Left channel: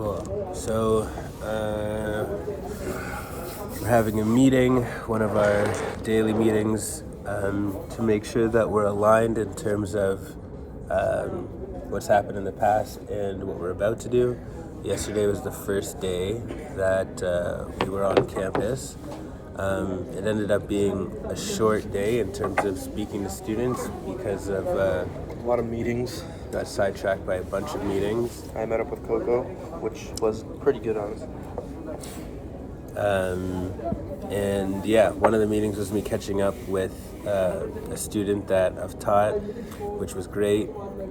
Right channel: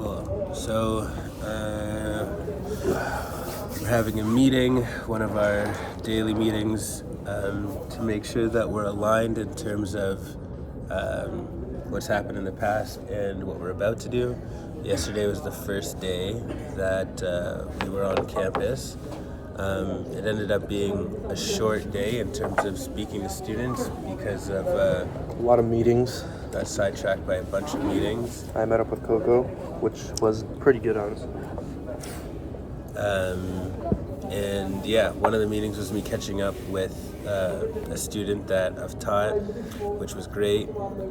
Cool. So, we're having a meeting, one of our daily meetings, to make sure that we're aligned in terms of what's happened in the past and what we're about to do. Yesterday was the first day that we were on campus. It ended up being a short day in terms of speaking to students because of a lot of meetings. Got sidetracked by a bunch of meetings. I met up with Coco, which was pretty good, honestly. And yeah, one of the meetings was me catching up with a student that I've taught, which was great,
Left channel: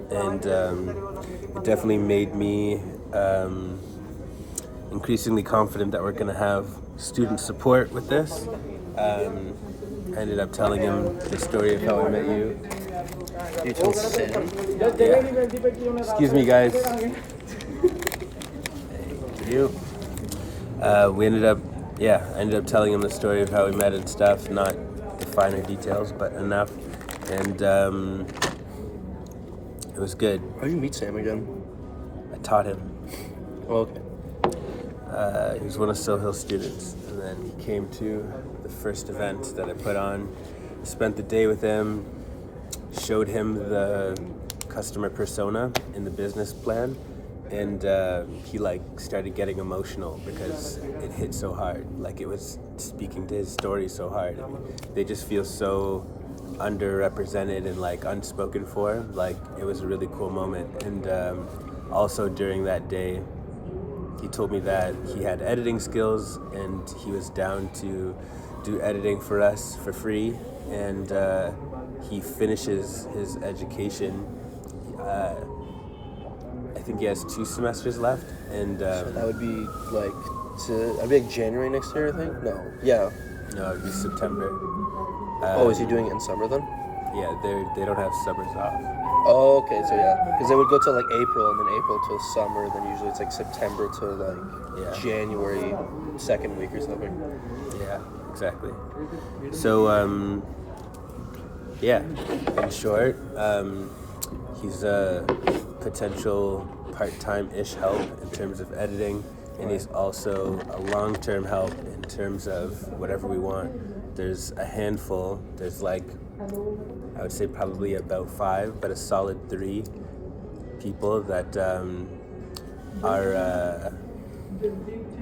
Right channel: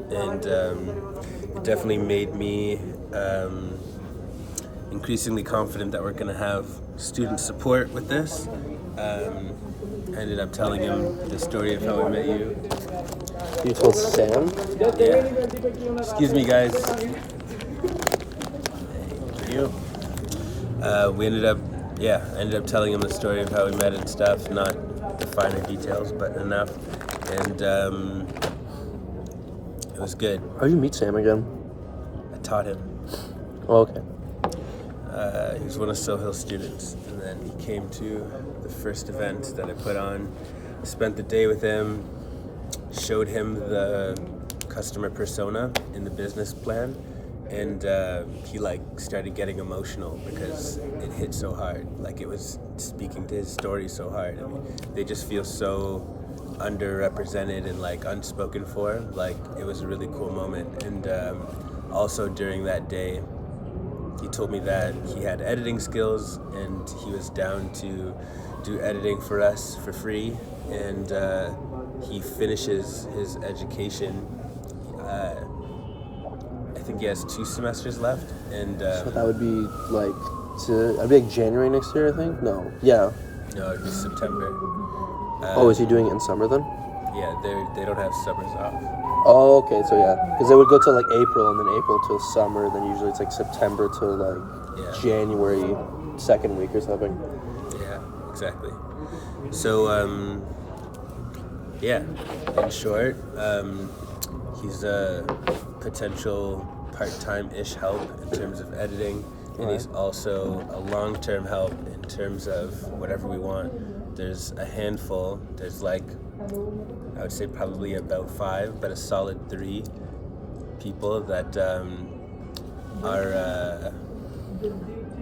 and it definitely made me increasingly confident that we're going to have student support with this. I ended up telling him the story of how I met you. You told Sam? Yeah. Excuse me, guys. Thank you. I ended up telling him the story of how we met and stuff, not the finer details, but enough. And it was good. How did you meet Sam again? I taught him. Oh, okay. He was one of Sohill's students, and then he came to the first event that I put on. Spent the day with him, showed him the customer persona in the business plan, and he started getting emotional because it hit so hard. Like, it was speaking to his story so hard. They just feel so underrepresented and unspoken for. It was a really cool moment. And also during that day, he told me that he had editing skills and he was down to do editing for us for free. And he finishes his education. I think he has 2 semesters left, and so that would be I'd be January next year, I think. No, yeah. No, it'd be September. Is he doing it in summer then? Yeah, they don't have summers off. Oh, okay, so yeah, because they would go to April, and then April to summer, then usually it's September to January 2nd week or something. Yeah, exactly. So yeah, in short, he's a potential part-time-ish help in terms of editing, and he's also a long-term help in terms of whatever we want. There's a handful, I would say probably about 5, but a solid 3 people that are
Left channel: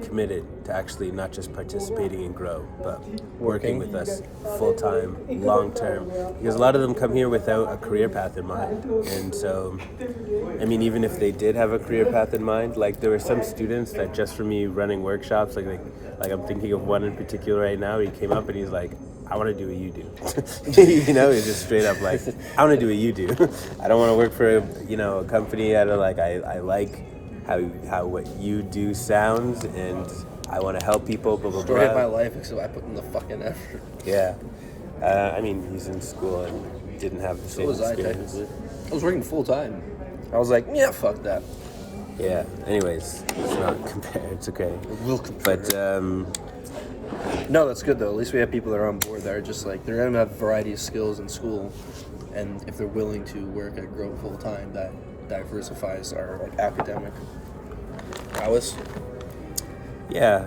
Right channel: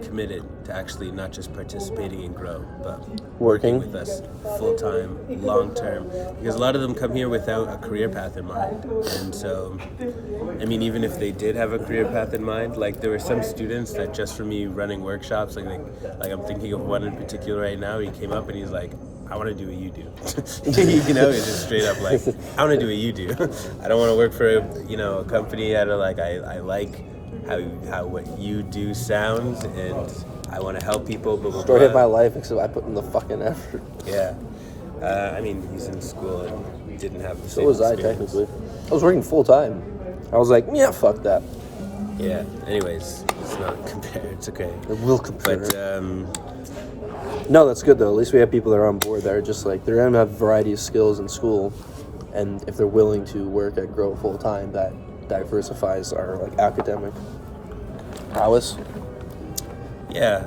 committed to actually not just participating in Grow, but working with us full-time, long-term, because a lot of them come here without a career path in mind. And so, I mean, even if they did have a career path in mind, there were some students that just for me running workshops, I'm thinking of one in particular right now. He came up and he's like, I want to do what you do. It's just straight up I want to do what you do. I don't want to work for a company. I like how what you do sounds, and I want to help people, blah, blah, blah. Story of my life, except I put in the fucking effort. Yeah. I mean, he's in school and didn't have the same experience. So was I, technically. I was working full-time. I was like, yeah, fuck that. Yeah, anyways, it's not compared. It's okay. It will compare. But, no, that's good, though. At least we have people that are on board that are just they're going to have a variety of skills in school, and if they're willing to work at Grow full-time, that diversifies our academic prowess. Yeah.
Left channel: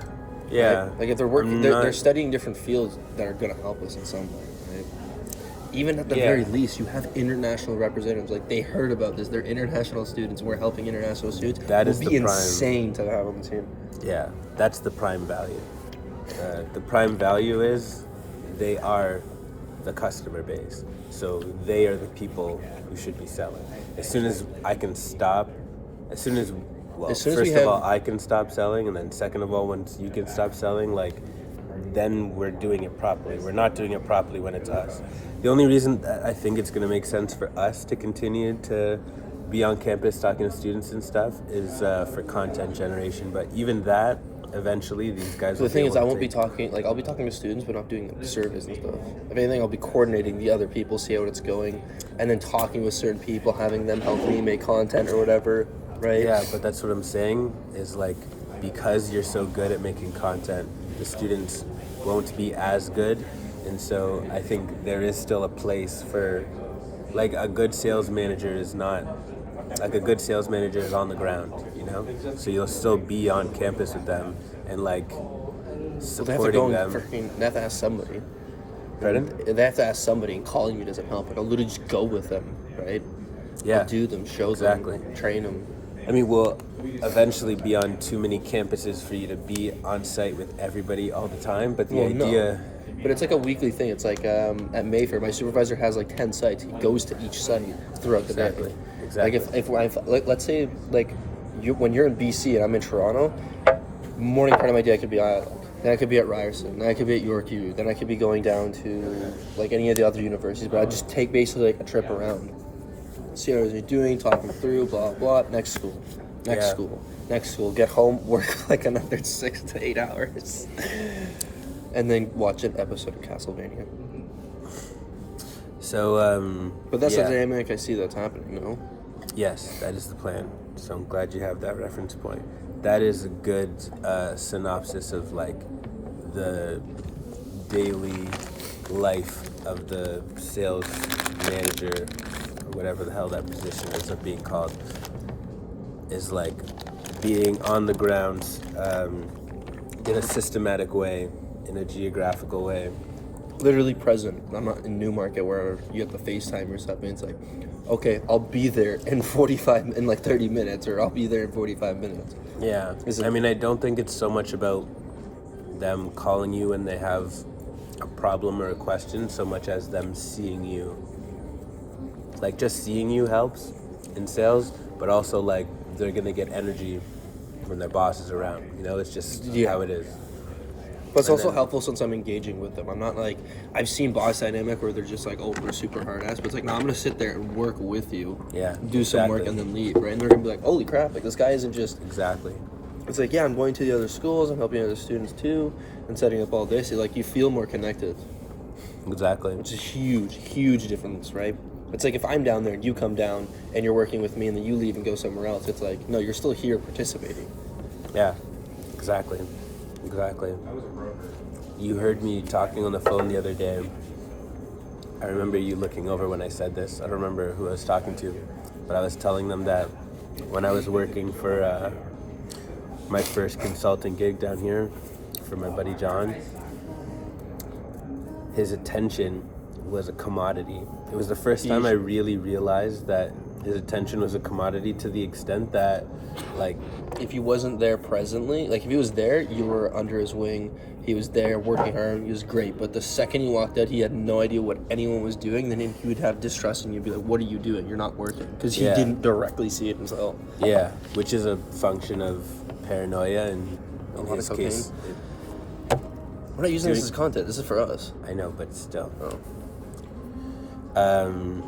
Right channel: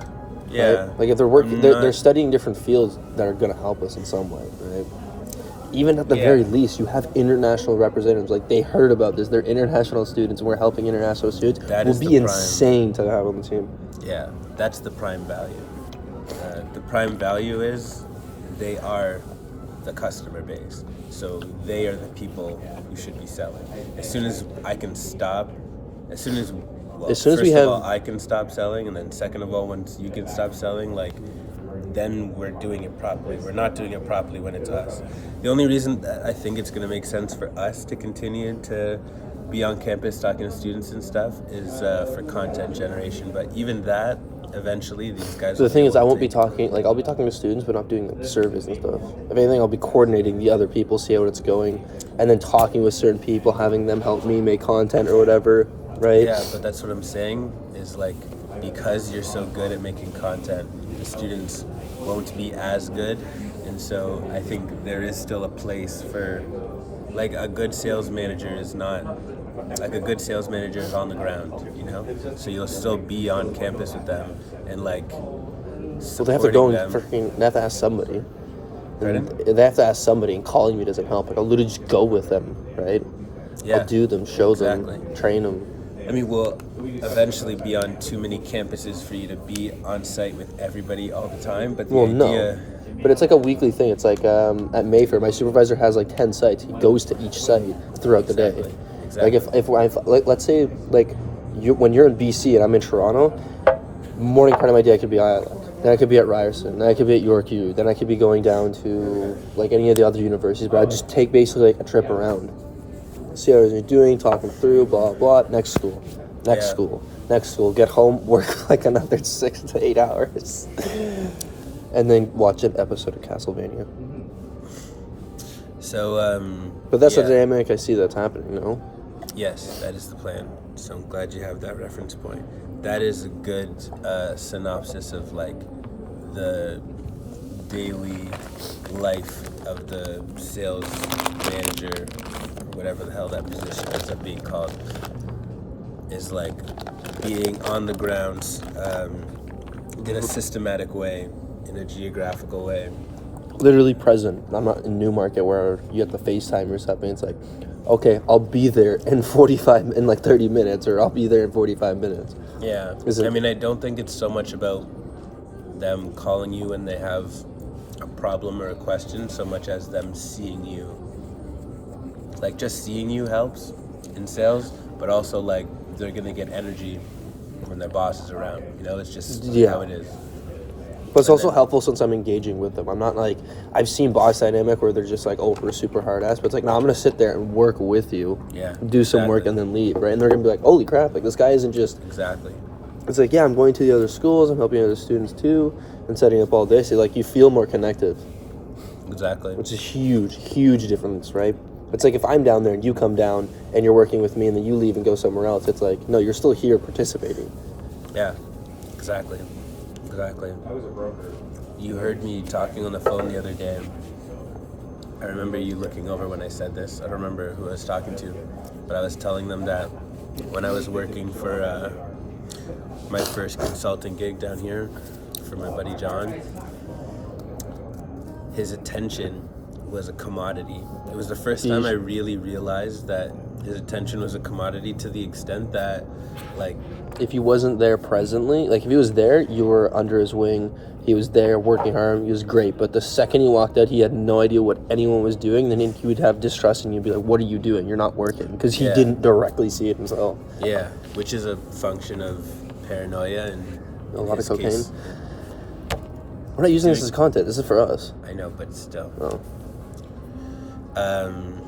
Right? If they're working, they're studying different fields that are going to help us in some way, right? Even at the very least, you have international representatives. They heard about this. They're international students, and we're helping international students. That would be insane to have on the team. Yeah, that's the prime value. The prime value is they are the customer base. So they are the people who should be selling. As soon as I can stop, first of all, I can stop selling, and then second of all, once you can stop selling, then we're doing it properly. We're not doing it properly when it's us. The only reason that I think it's going to make sense for us to continue to be on campus talking to students and stuff is for content generation. But even that, eventually, these guys. So the thing is, I won't be talking. I'll be talking to students, but not doing service and stuff. If anything, I'll be coordinating the other people, see how it's going, and then talking with certain people, having them help me make content or whatever. Right? Yeah, but that's what I'm saying is because you're so good at making content, the students won't be as good, and so I think there is still a place for a good sales manager is not like a good sales manager is on the ground, you know. So you'll still be on campus with them and like So they have to go supporting and them. freaking. They have to ask somebody. Pardon? They have to ask somebody, and calling me doesn't help. Like, I'll literally just go with them, right? Yeah, I'll do them, show exactly. them, train them. I mean, we'll eventually be on too many campuses for you to be on site with everybody all the time. But the idea, But it's like a weekly thing. It's like at Mayfair, my supervisor has like 10 sites. He goes to each site throughout the day. Exactly. Like like, let's say like when you're in BC and I'm in Toronto, morning part of my day I could be then I could be at Ryerson, then I could be at York U, then I could be going down to like any of the other universities. But I just take basically like a trip around, see how you're doing, talking through, blah blah. Next school, next school. Get home, work like another 6 to 8 hours. And then watch an episode of Castlevania. So, But that's the dynamic I see that's happening, no? Yes, that is the plan. So I'm glad you have that reference point. That is a good synopsis of like the daily life of the sales manager, or whatever the hell that position ends up being called, is like being on the ground in a systematic way, in a geographical way. Literally present. I'm not in Newmarket where you have to FaceTime or something. It's like, okay, I'll be there in 30 minutes, or I'll be there in 45 minutes. Yeah. I mean, I don't think it's so much about them calling you when they have a problem or a question, so much as them seeing you. Like, just seeing you helps in sales, but also, like, they're going to get energy when their boss is around. You know, it's just how it is. But it's also helpful since I'm engaging with them. I'm not like, I've seen boss dynamic where they're just like, oh, we're super hard ass. But it's like, no, I'm going to sit there and work with you. Yeah. Do some work and then leave, right? And they're going to be like, holy crap, like this guy isn't just... Exactly. It's like, yeah, I'm going to the other schools, I'm helping other students too, and setting up all day. So like, you feel more connected. Exactly. Which is huge difference, right? It's like if I'm down there and you come down and you're working with me and then you leave and go somewhere else, it's like, no, you're still here participating. Yeah, exactly. You heard me talking on the phone the other day. I remember you looking over when I said this. I don't remember who I was talking to, but I was telling them that when I was working for my first consulting gig down here for my buddy John, his attention was a commodity. It was the first time I really realized that his attention was a commodity, to the extent that, like... If he wasn't there presently, like if he was there, you were under his wing, he was there working hard, he was great. But the second he walked out, he had no idea what anyone was doing. Then he would have distrust and you'd be like, what are you doing? You're not working. Because he didn't directly see it himself. Yeah, which is a function of paranoia and a lot of cocaine. We're not using this as content. This is for us. I know, but still. Oh.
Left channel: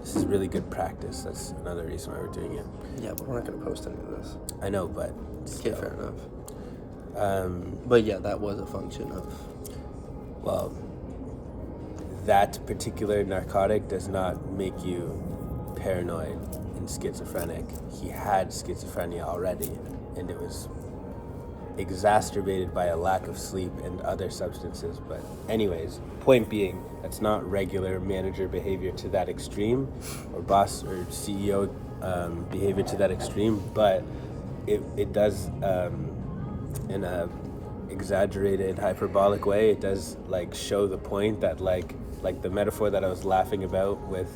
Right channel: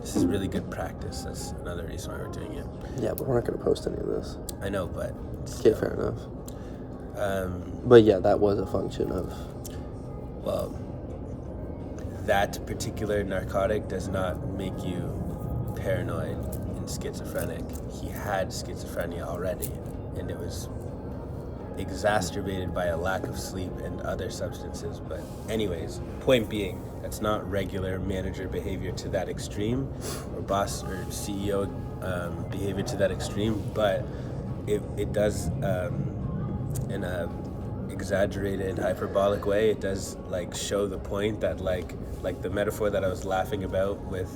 This is really good practice. That's another reason why we're doing it. Yeah, but we're not going to post any of this. I know, but still. Okay, fair enough. But yeah, that was a function of... Well, that particular narcotic does not make you paranoid and schizophrenic. He had schizophrenia already, and it was exacerbated by a lack of sleep and other substances. But anyways, point being, that's not regular manager behavior to that extreme, or boss or CEO behavior to that extreme, but it does in a exaggerated, hyperbolic way, it does like show the point that like the metaphor that I was laughing about with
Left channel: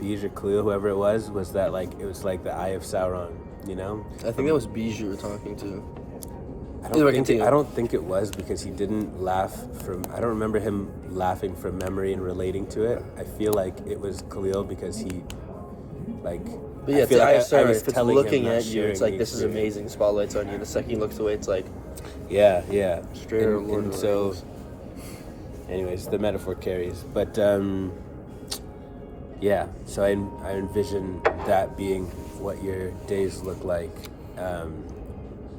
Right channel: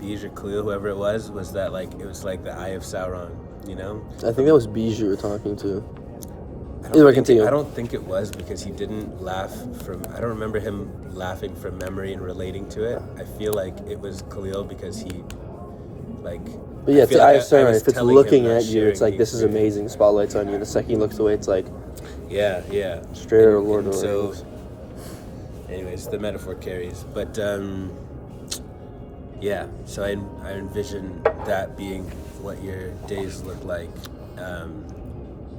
Bijou or Cleo, whoever it was that like it was like the Eye of Sauron, you know? I think that was Bijou you were talking to. I don't think it was, because he didn't laugh from... I don't remember him laughing from memory and relating to it. I feel like it was Khalil, because he, like... But yeah, it's like if it's looking at you, it's like, this is amazing, spotlight's on you. The second he looks away, it's like... Yeah. Straight out of Lord of the Rings. Anyways, the metaphor carries. But, yeah, so I envision that being what your days look like.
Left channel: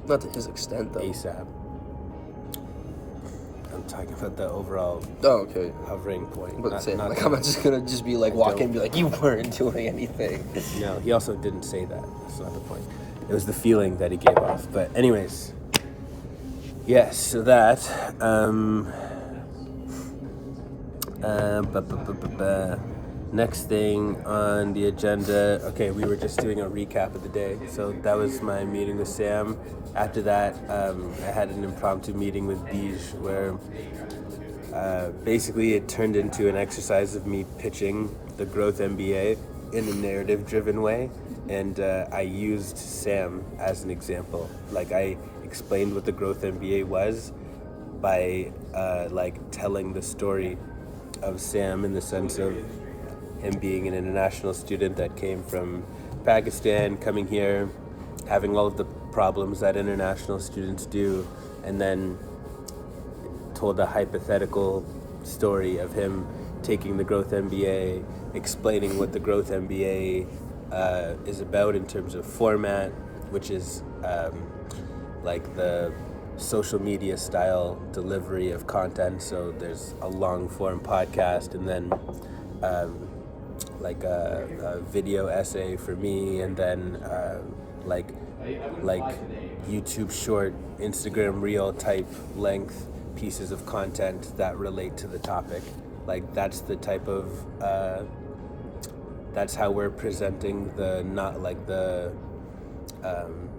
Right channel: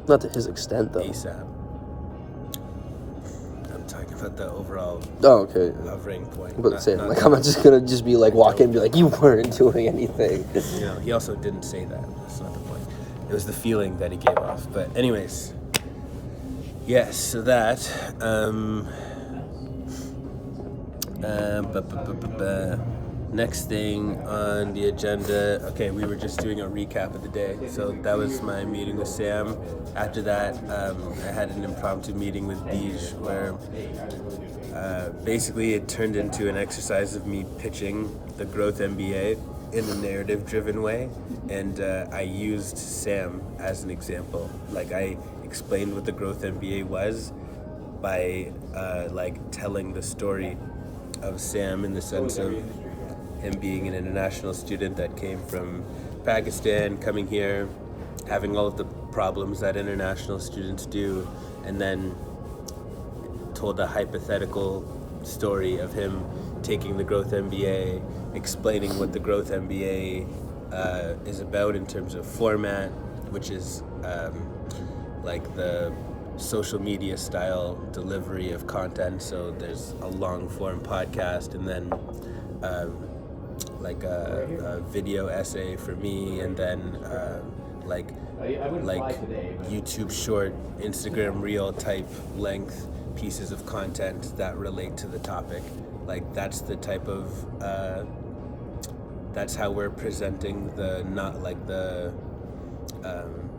Not to his extent, though. ASAP. I'm talking about the overall hovering point. I'm not just going to be like, walk in and be like, you weren't doing anything. No, he also didn't say that. That's not the point. It was the feeling that he gave off. But anyways, yes, so that... Next thing on the agenda, okay, we were just doing a recap of the day. So that was my meeting with Sam. After that, I had an impromptu meeting with Bij where basically it turned into an exercise of me pitching the Growth MBA in a narrative-driven way. And I used Sam as an example. Like, I explained what the Growth MBA was by telling the story of Sam in the sense of him being an international student that came from Pakistan, coming here, having all of the problems that international students do, and then told a hypothetical story of him taking the Growth MBA, explaining what the Growth MBA is about in terms of format, which is like the social media style delivery of content. So there's a long form podcast, and then like a video essay for me, and then like YouTube short, Instagram reel type length pieces of content that relate to the topic. Like, that's the type of that's how we're presenting the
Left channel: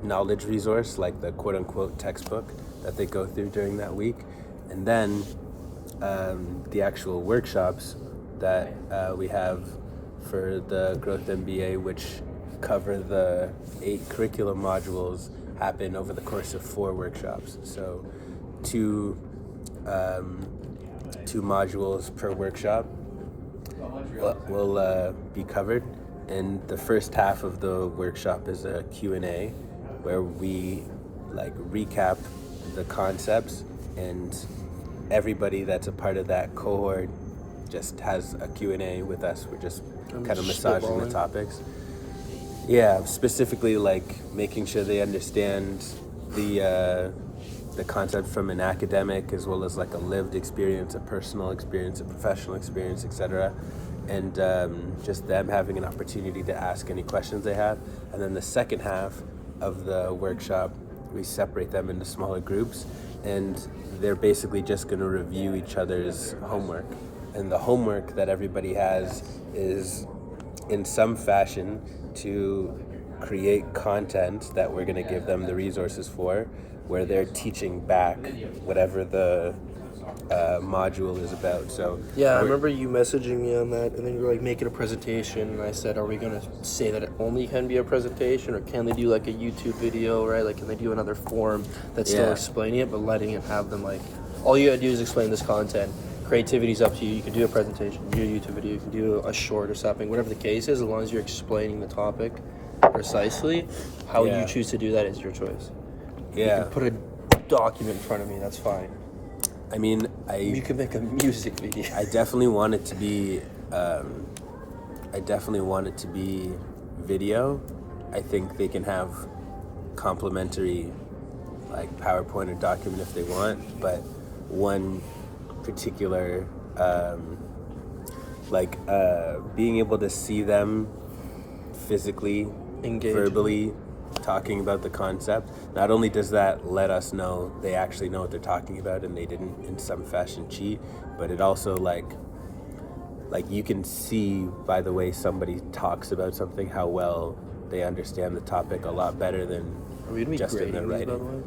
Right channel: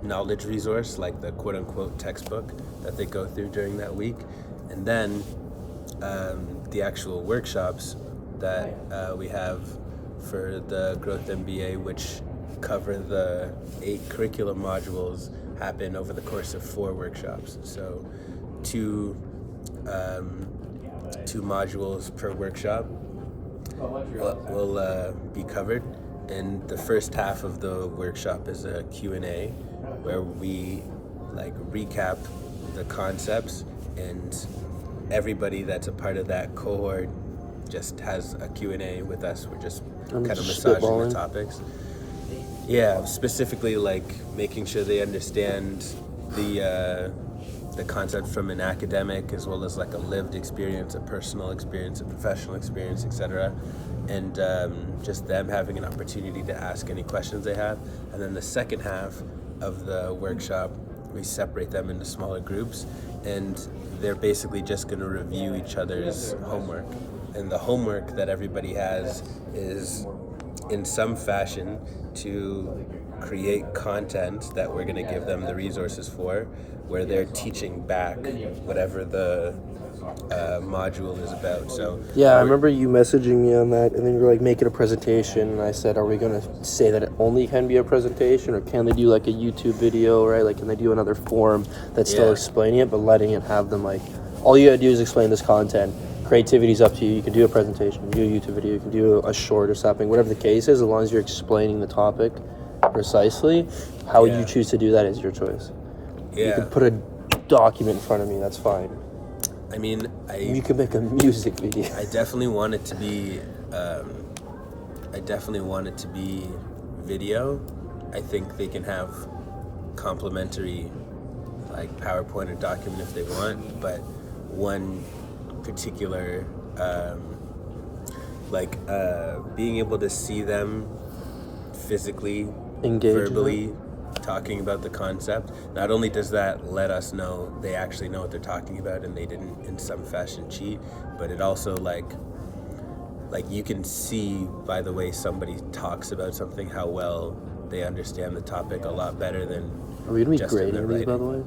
knowledge resource, like the quote unquote textbook that they go through during that week. And then the actual workshops that we have for the Growth MBA, which cover the 8 curriculum modules, happen over the course of 4 workshops. So two modules per workshop will be covered. And the first half of the workshop is a Q&A where we recap the concepts, and everybody that's a part of that cohort just has a Q&A with us. We're just kind of massaging the topics. Yeah, specifically making sure they understand the concept from an academic as well as a lived experience, a personal experience, a professional experience, etc. And just them having an opportunity to ask any questions they have. And then the second half of the workshop, we separate them into smaller groups, and they're basically just going to review each other's homework. And the homework that everybody has is, in some fashion, to create content that we're going to give them the resources for, where they're teaching back whatever the module is about. So yeah, I remember you messaging me on that, and then you were making a presentation, and I said, are we going to say that it only can be a presentation, or can they do a YouTube video, right? Can they do another form that's still explaining it, but letting it have them all you gotta do is explain this content. Creativity's up to you. You can do a presentation, you can do a YouTube video, you can do a short or something, whatever the case is, as long as you're explaining the topic precisely. How you choose to do that is your choice. You can put a document in front of me, that's fine. I mean, you can make a music video. I definitely want it to be video. I think they can have complementary PowerPoint or document if they want, but one particular being able to see them physically, verbally talking about the concept, not only does that let us know they actually know what they're talking about and they didn't in some fashion cheat, but it also you can see by the way somebody talks about something how well they understand the topic a lot better than Are we going to be just in the grading these, by the writing.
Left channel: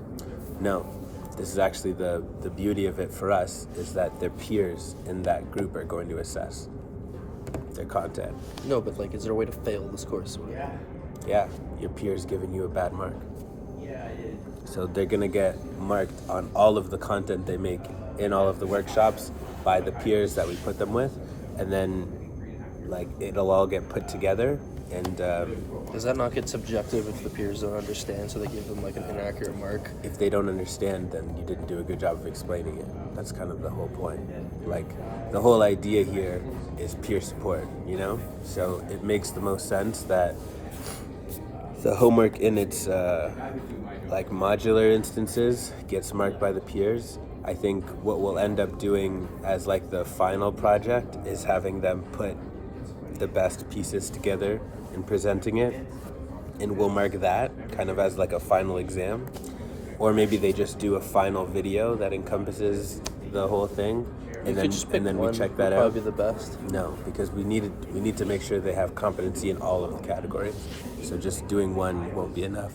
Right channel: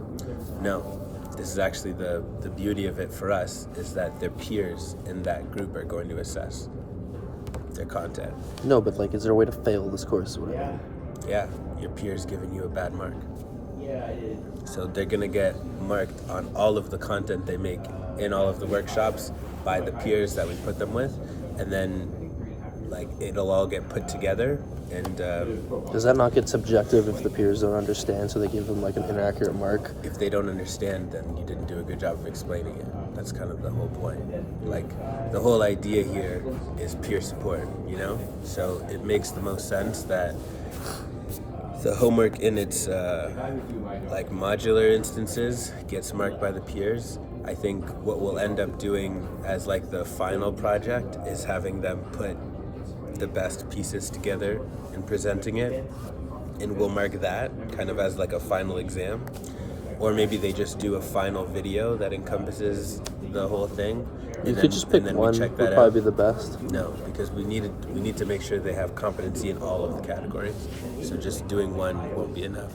way? No. This is actually the beauty of it for us, is that their peers in that group are going to assess their content. No, but is there a way to fail this course? Yeah, your peers giving you a bad mark. So they're gonna get marked on all of the content they make in all of the workshops by the peers that we put them with, and then it'll all get put together. And does that not get subjective if the peers don't understand, so they give them an inaccurate mark? If they don't understand, then you didn't do a good job of explaining it. That's kind of the whole point. The whole idea here is peer support, So it makes the most sense that the homework in its modular instances gets marked by the peers. I think what we'll end up doing as the final project is having them put the best pieces together and presenting it, and we'll mark that kind of as a final exam. Or maybe they just do a final video that encompasses the whole thing, You could just pick and then one. we check that would out. Probably be the best. No, because we need to make sure they have competency in all of the categories. So just doing one won't be enough.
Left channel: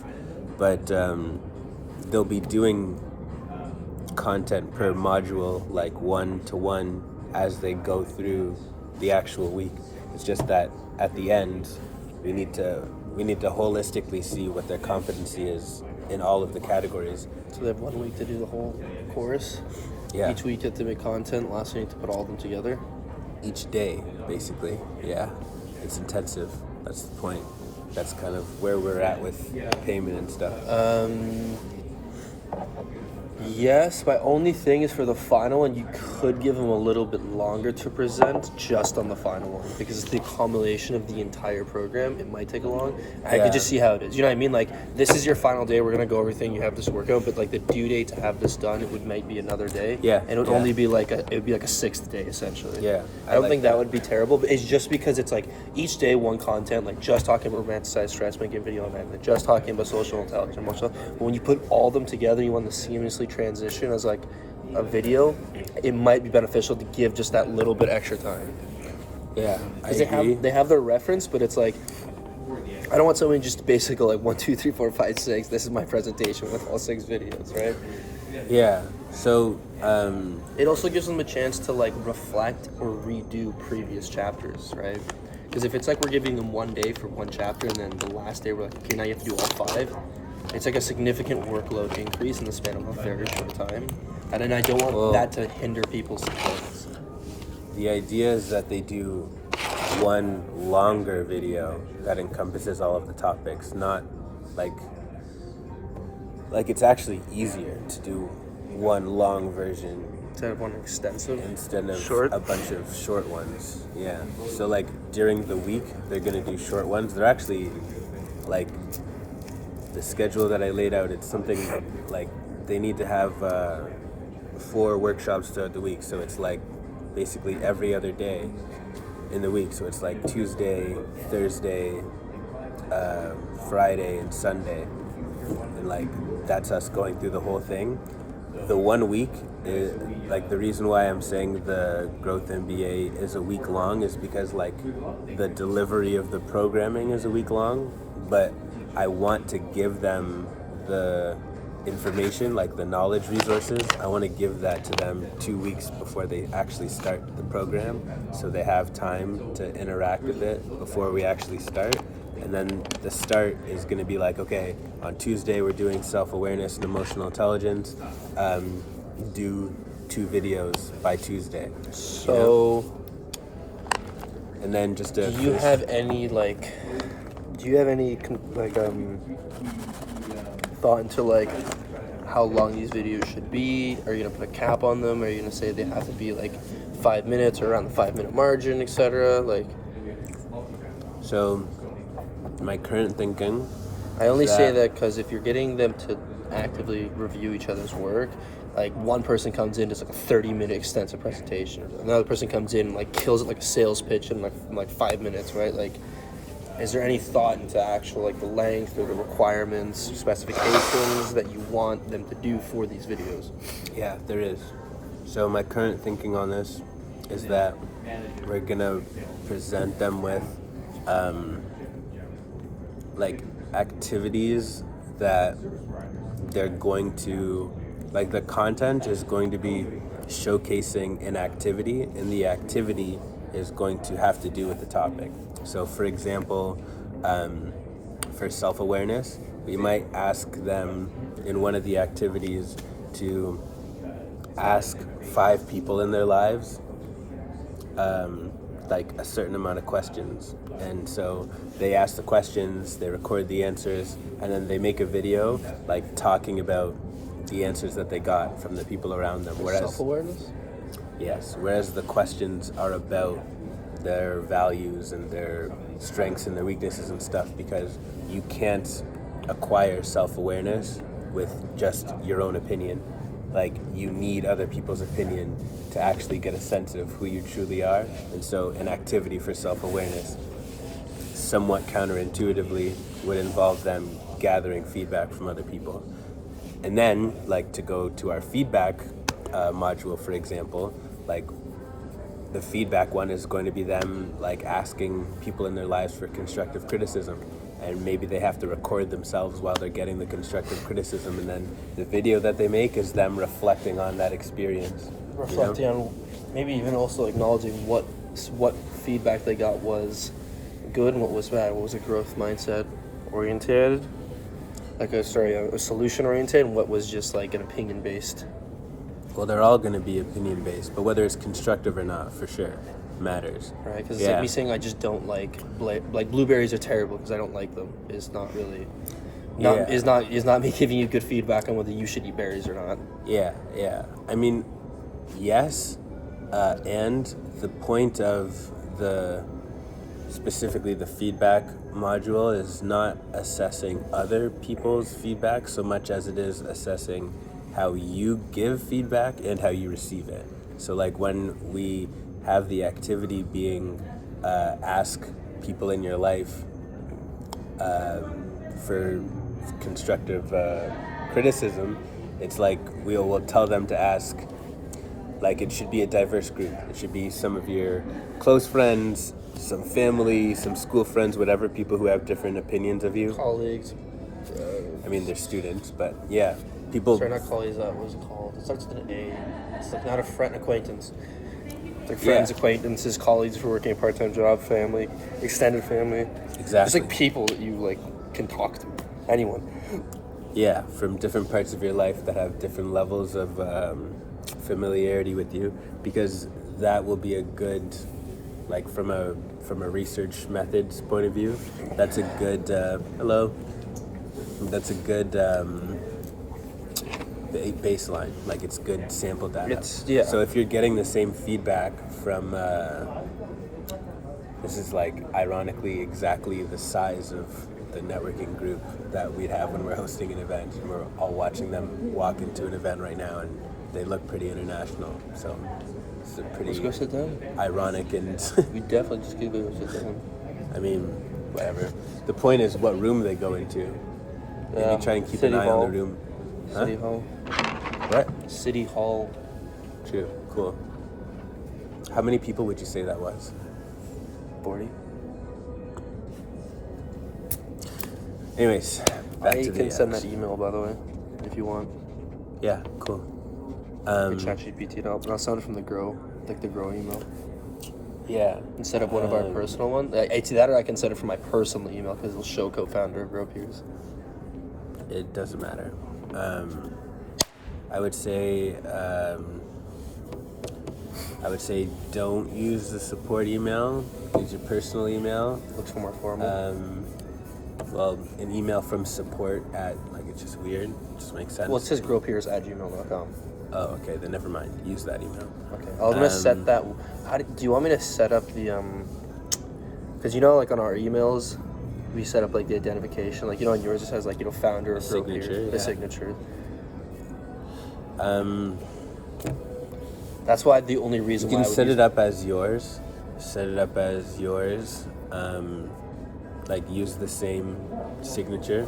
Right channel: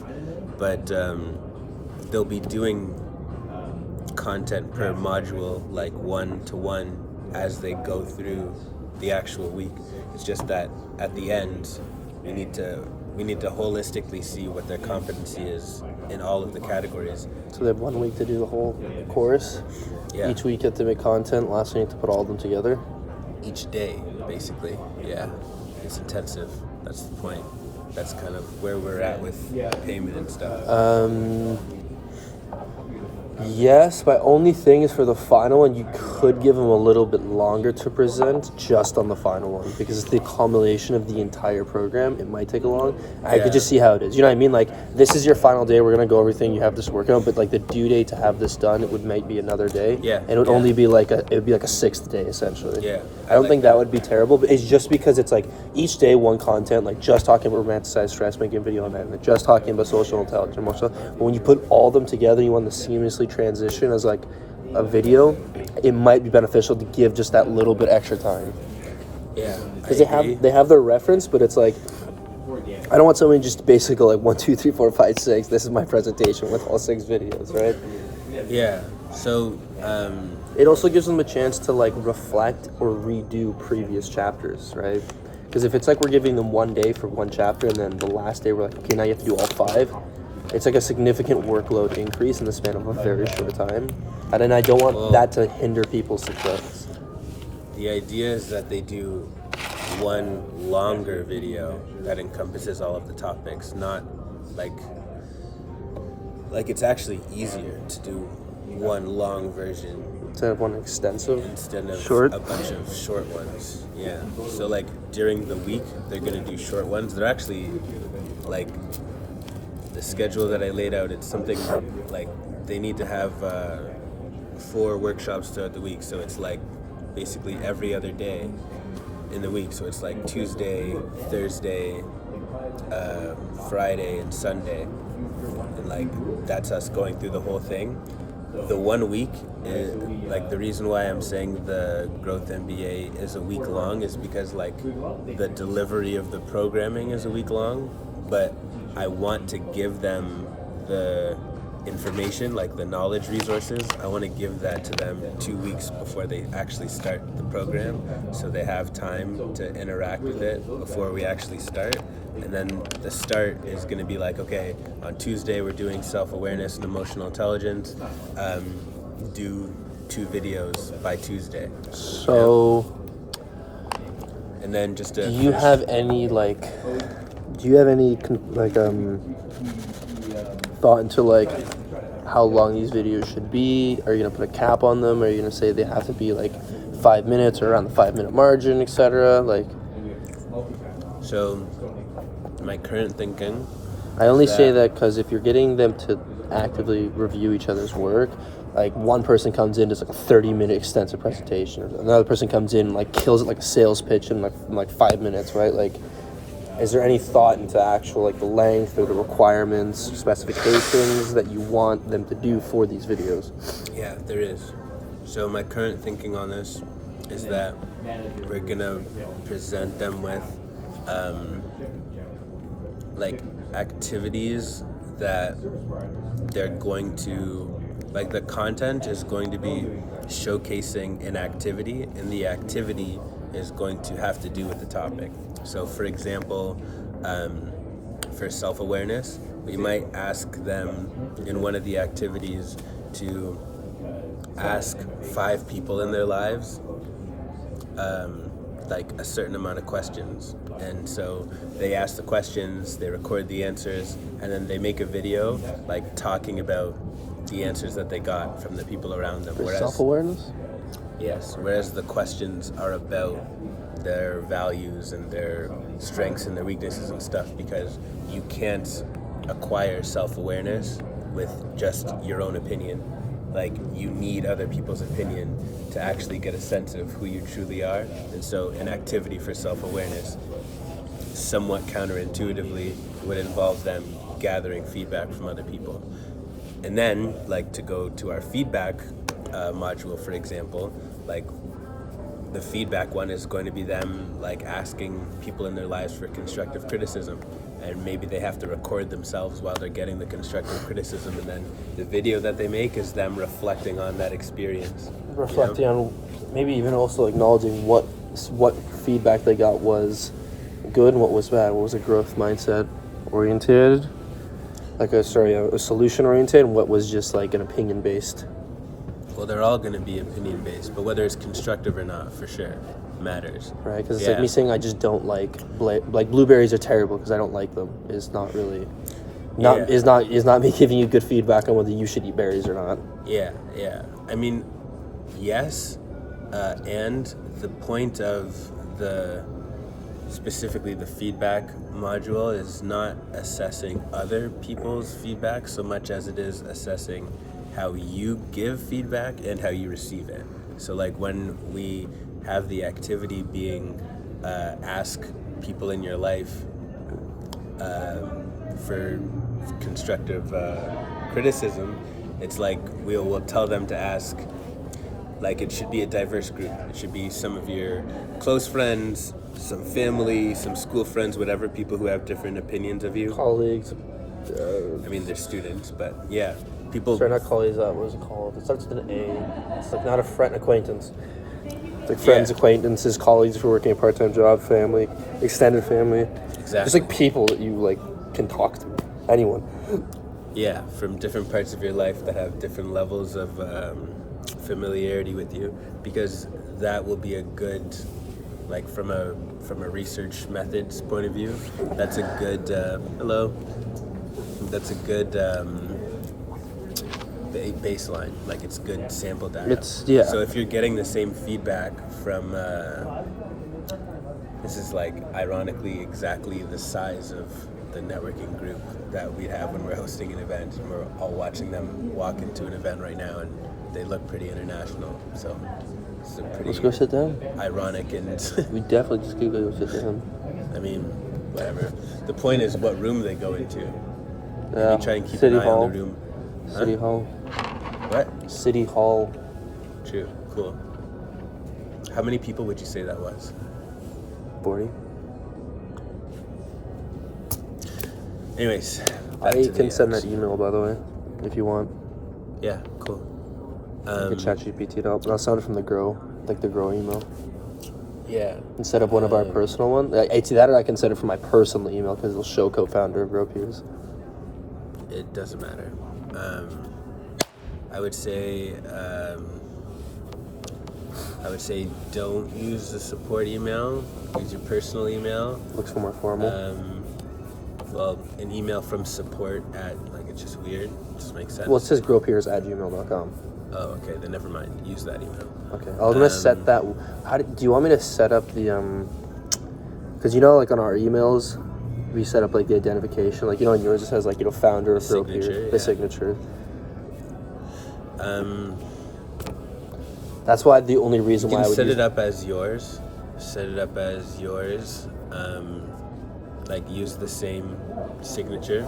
But they'll be doing content per module, like 1-to-1, as they go through the actual week. It's just that at the end, we need to holistically see what their competency is in all of the categories. So they have 1 week to do the whole course. Yeah. Each week you have to make content. Last week you have to put all of them together. Each day, basically. Yeah. It's intensive. That's the point. That's kind of where we're at with payment and stuff. Yes, my only thing is for the final one, you could give them a little bit longer to present just on the final one because it's the culmination of the entire program. It might take a long. I could just see how it is. You know what I mean? Like, this is your final day. We're going to go everything you have to work on, but like the due date to have this done, it would be another day. Yeah. And it would only be like a 6th day essentially. Yeah. I don't think that would be terrible, but it's just because it's like each day one content, like just talking about romanticized stress, making a video on that, like just talking about social intelligence and more stuff. But when you put all of them together, you want to seamlessly transition as like a video, it might be beneficial to give just that little bit extra time. Yeah. Because they have their reference, but it's like I don't want somebody just basically like 1, 2, 3, 4, 5, 6. This is my presentation with all 6 videos, right? Yeah. So it also gives them a chance to like reflect or redo previous chapters, right? Because if it's like we're giving them 1 day for one chapter and then the last day we're like, okay, now you have to do all 5, it's like a significant workload increase in the span of a very short time. And then I don't want that to hinder people's success. The idea is that they do one longer video that encompasses all of the topics, not like it's actually easier to do one long version Instead of one extensive? instead of short? a bunch of short ones. Yeah. So like during the week, they're going to do short ones. They're actually like the schedule that I laid out. It's something like they need to have 4 workshops throughout the week. So it's like basically every other day in the week. So it's like Tuesday, Thursday, Friday, and Sunday. And like that's us going through the whole thing. The 1 week is like the reason why I'm saying the Growth MBA is a week long is because like the delivery of the programming is a week long, but I want to give them the information, like the knowledge resources. I want to give that to them 2 weeks before they actually start the program, so they have time to interact with it before we actually start. And then the start is going to be like, okay, on Tuesday we're doing self-awareness and emotional intelligence. Do 2 videos by Tuesday. So, and then just to do you have any thought into like how long these videos should be? Are you gonna put a cap on them? Are you gonna say they have to be like 5 minutes or around the 5-minute margin, etc.? Like, so my current thinking. I only say that because if you're getting them to actively review each other's work, like one person comes in, does like a 30-minute extensive presentation, another person comes in, like kills it like a sales pitch in like 5 minutes, right? Like, is there any thought into actual like the length or the requirements, specifications that you want them to do for these videos? Yeah, there is. So my current thinking on this is that we're gonna present them with like activities that they're going to, like the content is going to be showcasing an activity, and the activity is going to have to do with the topic. So for example, for self-awareness, we might ask them in one of the activities to ask 5 people in their lives like a certain amount of questions. And so they ask the questions, they record the answers, and then they make a video like talking about the answers that they got from the people around them. Whereas self-awareness? Yes, whereas the questions are about their values and their strengths and their weaknesses and stuff, because you can't acquire self-awareness with just your own opinion. Like, you need other people's opinion to actually get a sense of who you truly are. And so an activity for self-awareness, somewhat counterintuitively, would involve them gathering feedback from other people. And then, like, to go to our feedback module, for example, like the feedback one is going to be them like asking people in their lives for constructive criticism, and maybe they have to record themselves while they're getting the constructive criticism, and then the video that they make is them reflecting on that experience. Reflecting on, maybe even also acknowledging what feedback they got was good and what was bad. What was a growth mindset oriented, like a solution oriented, and what was just like an opinion based. Well, they're all going to be opinion based, but whether it's constructive or not, for sure, matters. Right, because it's like me saying I just don't like blueberries are terrible because I don't like them. Is not really, is not me giving you good feedback on whether you should eat berries or not. Yeah. I mean, yes, and the point of specifically the feedback module is not assessing other people's feedback so much as it is assessing how you give feedback and how you receive it. So like when we have the activity being ask people in your life for constructive criticism, it's like we'll tell them to ask, like it should be a diverse group. It should be some of your close friends, some family, some school friends, whatever, people who have different opinions of you. Colleagues. I mean, they're students, but yeah. People. Sorry, not colleagues. What was it called? It starts with an A. It's like not a friend, acquaintance. It's like friends, acquaintances, colleagues who are working a part-time job, family, extended family. Exactly. It's like people that you like can talk to. Anyone. Yeah, from different parts of your life that have different levels of familiarity with you, because that will be a good, like from a research methods point of view, that's a good that's a good baseline. Like it's good sample data. So if you're getting the same feedback from this is like ironically exactly the size of the networking group that we have when we're hosting an event, and we're all watching them walk into an event right now, and they look pretty international. So it's a pretty Let's go sit down. Ironic and we definitely just go sit down. I mean, whatever. The point is what room they go into. Yeah. Maybe try and keep City an eye Hall. on the room. City Hall. What? City Hall. True. Cool. How many people would you say that was? 40. Anyways, back to you can send that email, by the way, if you want. Yeah, cool. ChatGPT it up. I'll send it from the Grow, like the Grow email. Yeah. Instead of one of our personal ones. It's that, or I can send it from my personal email because it'll show co-founder of Grow Peers. It doesn't matter. I would say don't use the support email. Use your personal email. Looks more formal. Well, an email from support at, like, it's just weird. It just makes sense. Well, it says growpeers@gmail.com. Oh, okay. Then never mind. Use that email. Okay. I'm gonna set that. Do you want me to set up the Because like on our emails, we set up like the identification. Like on yours it says like founder of Grow Peers, signature. the signature. That's why the only reason you why can set it up as yours. Set it up as yours. Like use the same signature.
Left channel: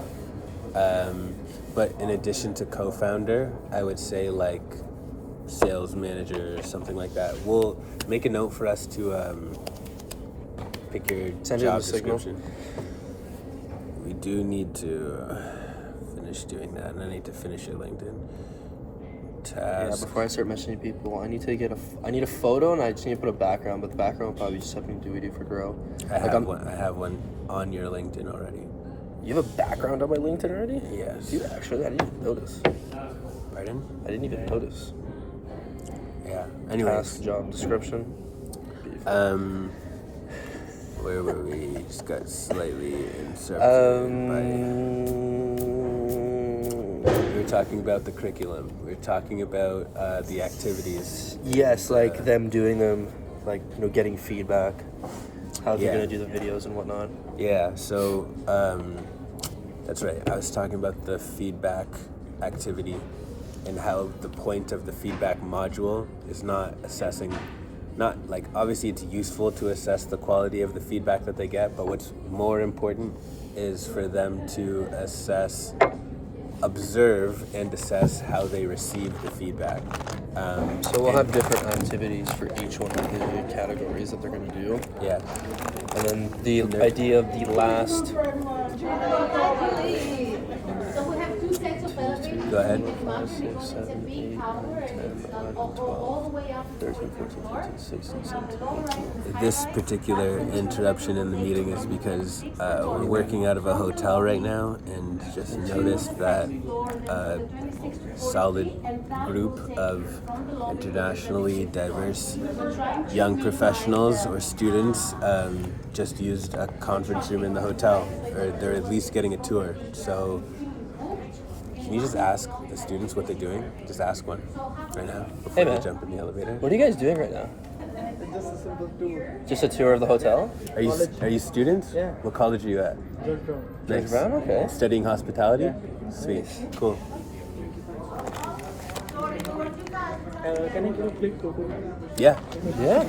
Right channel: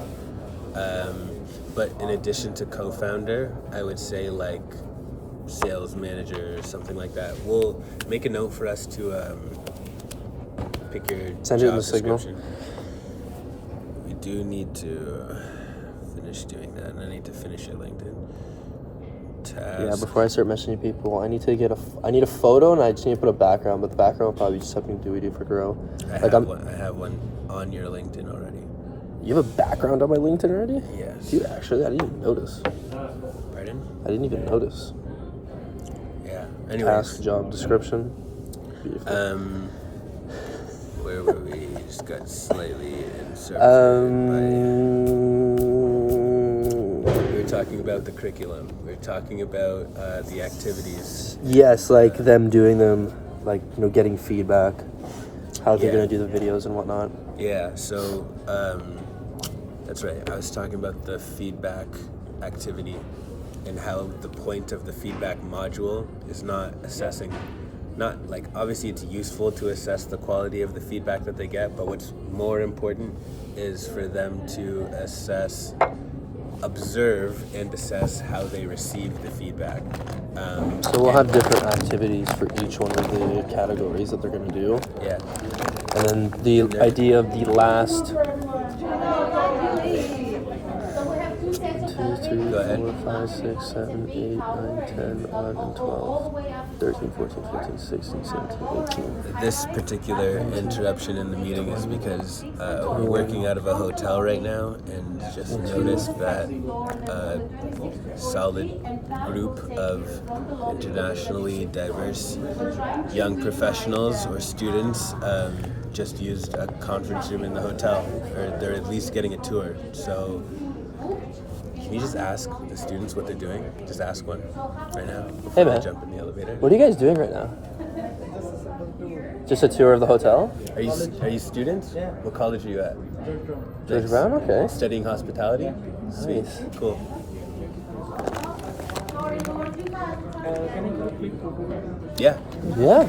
But in addition to co-founder, I would say like sales manager or something like that. We'll make a note for us to pick your job description. We do need to finish doing that, and I need to finish your LinkedIn. Task. Yeah, before I start messaging people, I need a photo, and I just need to put a background, but the background will probably just something do we do for Grow. I have one on your LinkedIn already. You have a background on my LinkedIn already? Yes. You actually, I didn't even notice. Pardon? I didn't even notice. Yeah. Anyways. Task, job description. Beautiful. Where were we? Just got slightly interrupted We're talking about the curriculum. We're talking about the activities. Yes, like them doing them, like getting feedback, how they're gonna do the videos and whatnot. Yeah. So that's right. I was talking about the feedback activity and how the point of the feedback module is not assessing. Not like obviously it's useful to assess the quality of the feedback that they get, but what's more important is for them to assess observe and assess how they receive the feedback. So we'll have different activities for each one of the categories that they're going to do. Yeah. And then the idea of the last... Go ahead. 5, 6, 7, 8, 9, 10, 11, 12, 13, 14, 15, 16, 17, 18. This particular interruption in the meeting is because we're working out of a hotel right now and just noticed that a solid group of internationally diverse young professionals or students just used a conference room in the hotel, or they're at least getting a tour. So can you just ask the students what they're doing? Just ask one right now before they jump in the elevator. What are you guys doing right now? Just a tour of the hotel? Are you students? Yeah. What college are you at? George Brown? Okay. Studying hospitality? Sweet. Cool. Can I give a quick photo? Yeah. Yeah.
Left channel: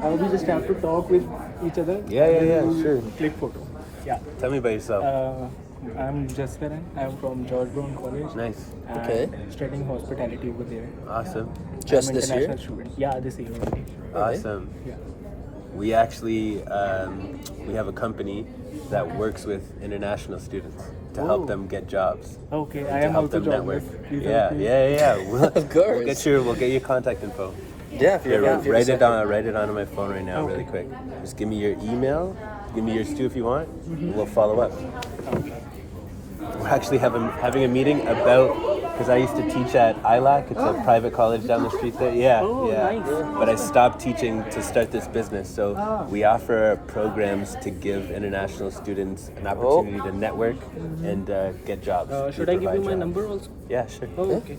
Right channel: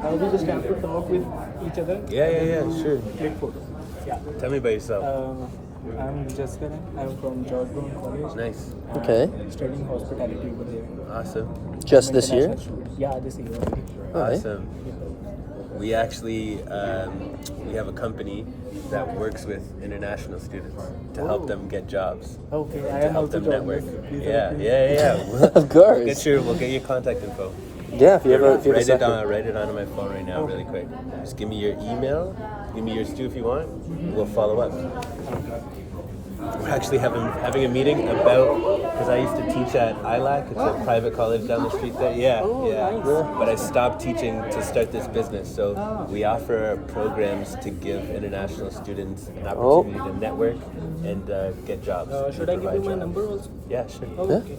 We just have to talk with each other. Yeah, sure. Click photo. Yeah. Tell me about yourself. I'm Jasper. I'm from George Brown College. Nice. Okay. Studying hospitality over there. Awesome. Just I'm this year? international student. Yeah, this year. Awesome. We actually we have a company that works with international students to help them get jobs. Okay, I To am help also them network. joining. Yeah. We'll, Of course. We'll get your contact info. Yeah, if you're Write it onto my phone right now, really quick. Just give me your email. Give me yours too if you want. We'll follow up. We're actually having a meeting about, because I used to teach at ILAC. It's a private college down the street there. Yeah. Nice. But I stopped teaching to start this business. So we offer programs to give international students an opportunity to network and get jobs. Should I give you my Jobs. number also? Yeah, sure. Okay.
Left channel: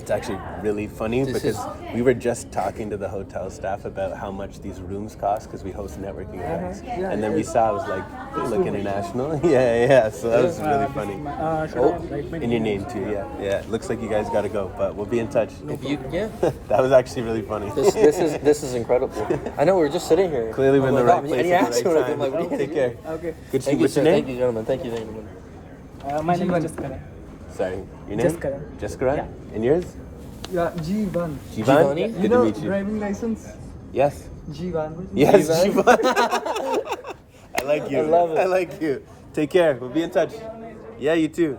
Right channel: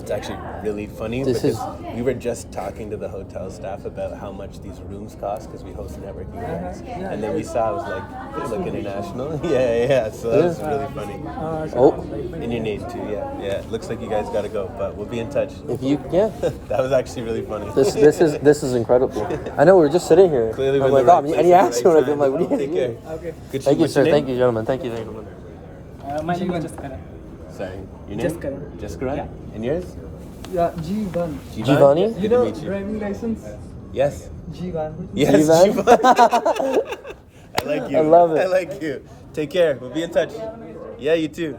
It's actually really funny This because is- we were just talking to the hotel staff about how much these rooms cost because we host networking events. And then we saw, I was like, they look international. Yeah. So that was really funny. And your name too, yeah. It looks like you guys got to go, but we'll be in touch. If you, yeah. That was actually really funny. This is incredible. I know, we're just sitting here. Clearly we're in the I'm right like, place. and he at the asked right me, time. I'm like, what are you Take care. Okay. Good to Thank you, what's your sir. name? Thank you, gentlemen. Thank you, gentlemen. My name is Jaskaran. Sorry, your name? Jaskaran. Jaskaran? Yeah. And yours? Yeah, G1. Giovanni? Good to meet you. Driving license? Yes. G1. Yes, G-Van? G-Van. I like you. I love it. I like you. Take care. We'll be in touch. Yeah, you too.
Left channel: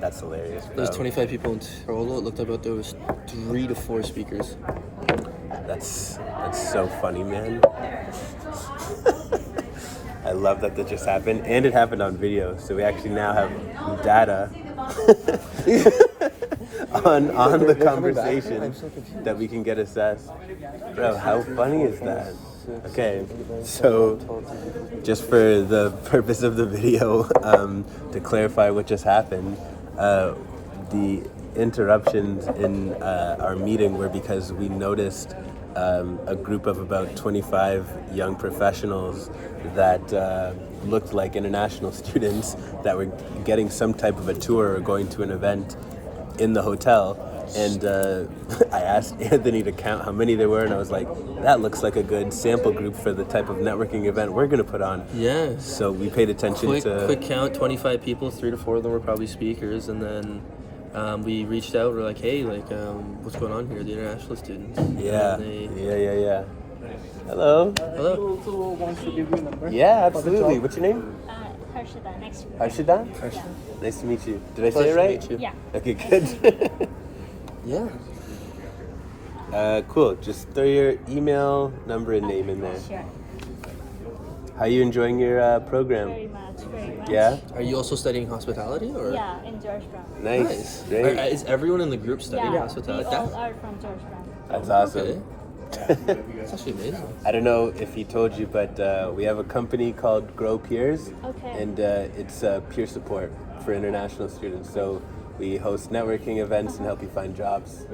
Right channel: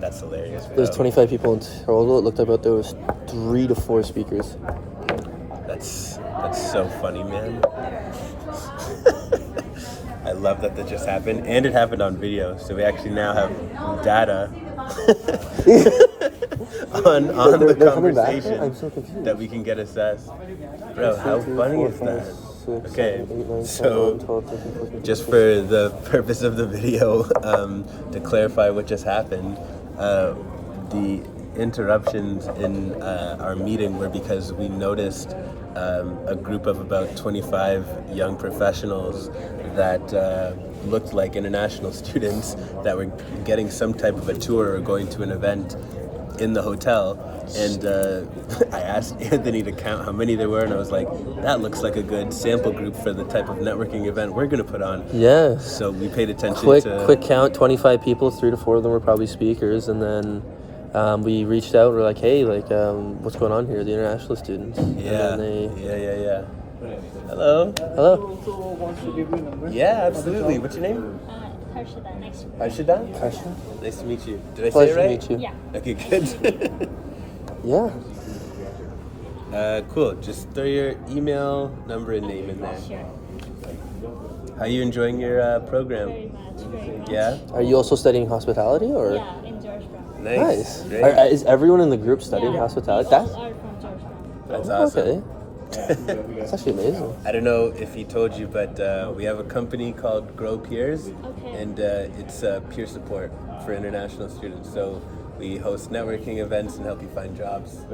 That's hilarious. There's bro. 25 people in total. It looked like about there was 3 to 4 speakers. That's so funny, man. I love that just happened, and it happened on video. So we actually now have data on the conversation that we can get assessed. Bro, how funny is that? Okay, so just for the purpose of the video, to clarify what just happened, the interruptions in our meeting were because we noticed a group of about 25 young professionals that looked like international students that were getting some type of a tour or going to an event in the hotel. And I asked Anthony to count how many there were, and I was like, that looks like a good sample group for the type of networking event we're going to put on. Yeah. So we paid attention Quick count, 25 people, 3 to 4 of them were probably speakers, and then we reached out, we're like, hey, what's going on here, the international students? Yeah. And then Yeah. Hello. hello. Also wants to give you a number. Yeah, absolutely. What's your name? Harshada. Harshada? Nice to meet you. Did I say Pleasure it to right? meet you. Yeah. Okay, good. Yeah. Cool. Just throw your email, number, and name in there. Sure. How are you enjoying your program? Very much. Very much. Yeah? Are you also studying hospitality, or? Yeah, in George Brown. Nice. Nice. Great. Is everyone in the group studying Yeah. hospitality? All are from George Brown. That's Okay. awesome. That's actually amazing. I don't know if he told you, but we have a company called Grow Peers, Okay. and it's peer support for international students. So we host networking events and help you find jobs.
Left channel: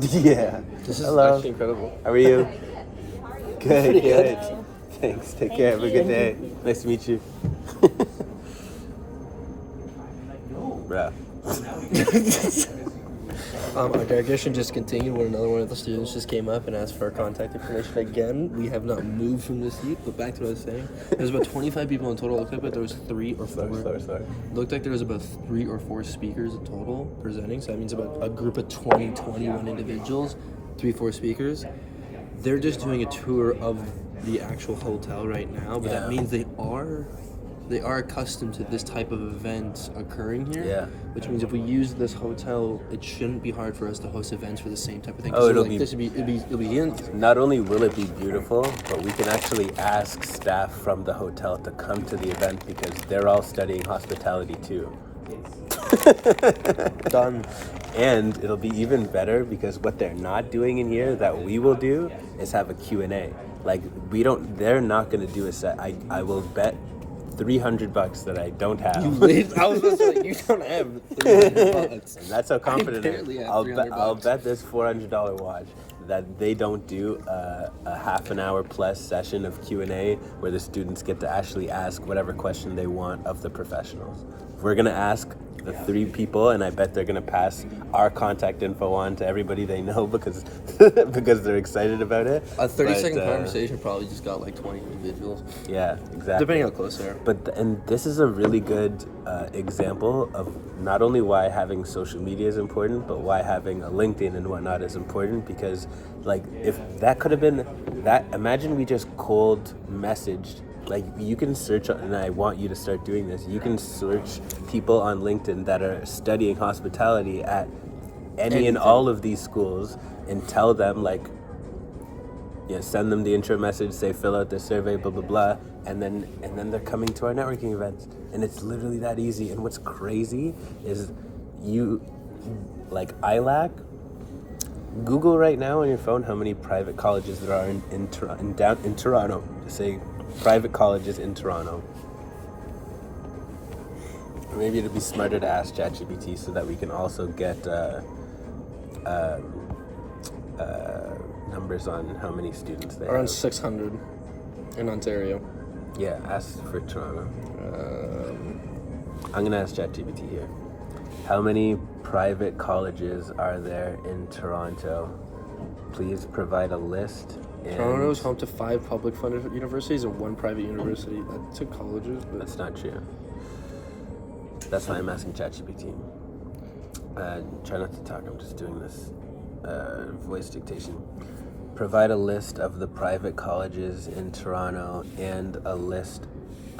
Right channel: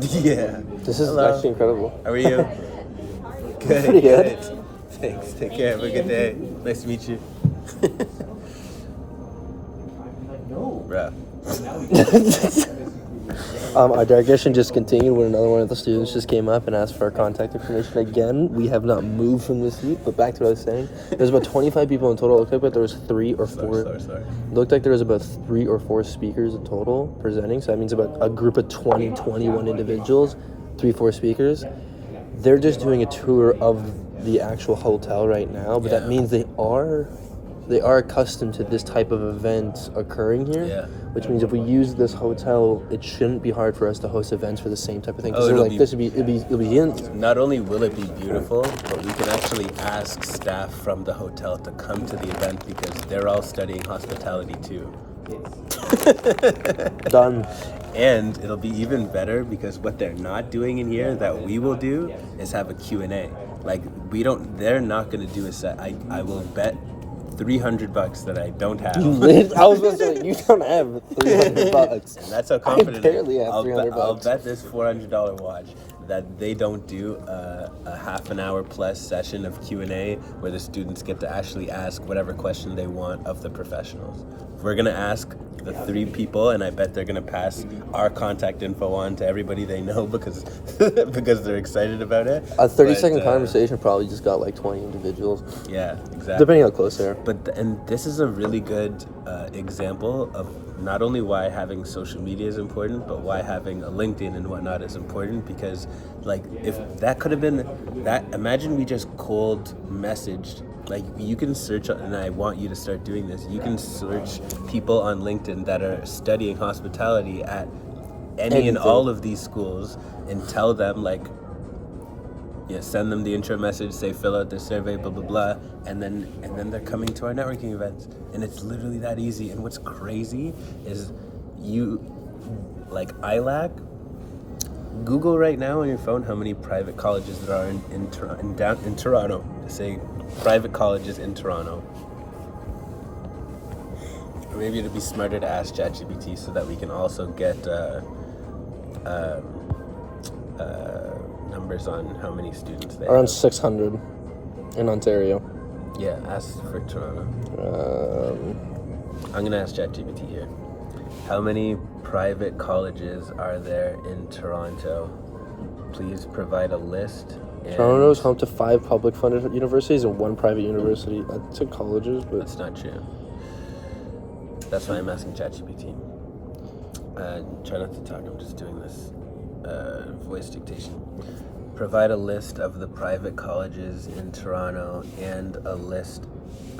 Yeah. This is Hello. actually incredible. How are you? Good. Pretty good. Thanks. Take care. Have a good day. Nice to meet you. Bruh. Our digression just continued when another one of the students just came up and asked for our contact information again. We have not moved from the seat, but back to what I was saying. There's about 25 people in total. It looked like there was 3 or 4. Sorry. Looked like there was about 3 or 4 speakers in total presenting. So that means about a group of 21 individuals, 3-4 speakers. They're just doing a tour of the actual hotel right now, but that means they are accustomed to this type of event occurring here. Yeah. Which means if we use this hotel, it shouldn't be hard for us to host events for the same type of thing. Oh, it'll It'll be Not only will it be beautiful, but we can actually ask staff from the hotel to come to the event because they're all studying hospitality too. done. And it'll be even better because what they're not doing in here that we will do is have a Q&A. Like they're not going to do a set. I will bet $300 that I don't have. I was going to say, you don't have $300. And that's how confident barely have $300. I'll bet this $400 watch that they don't do a half an hour plus session of Q&A where the students get to actually ask whatever question they want of the professionals. We're going to ask the 3 people, and I bet they're going to pass our contact info on to everybody they know because they're excited about it. A 30-second conversation probably just got like 20 individuals. Yeah, exactly. Depending how close they are. And this is a really good example of not only why having social media is important, but why having a LinkedIn and whatnot is important. Because, like, if that could have been that, imagine we just cold messaged. Like, you can search, and I want you to start doing this. You can search people on LinkedIn that are studying hospitality at any and all of these schools, and tell them, like, send them the intro message, say fill out this survey, blah blah blah, and then they're coming to our networking events, and it's literally that easy. And what's crazy is ILAC. Google right now on your phone how many private colleges there are in Toronto. Say private colleges in Toronto. Or maybe it'd be smarter to ask ChatGPT so that we can also get numbers on how many students they have. Around 600 in Ontario. Yeah, ask for Toronto. I'm gonna ask ChatGPT here. How many private colleges are there in Toronto? Please provide a list. Toronto is home to 5 public funded universities and 1 private university. That's 2 colleges, but That's not true. That's why I'm asking ChatGPT. Try not to talk, I'm just doing this voice dictation. Provide a list of the private colleges in Toronto and a list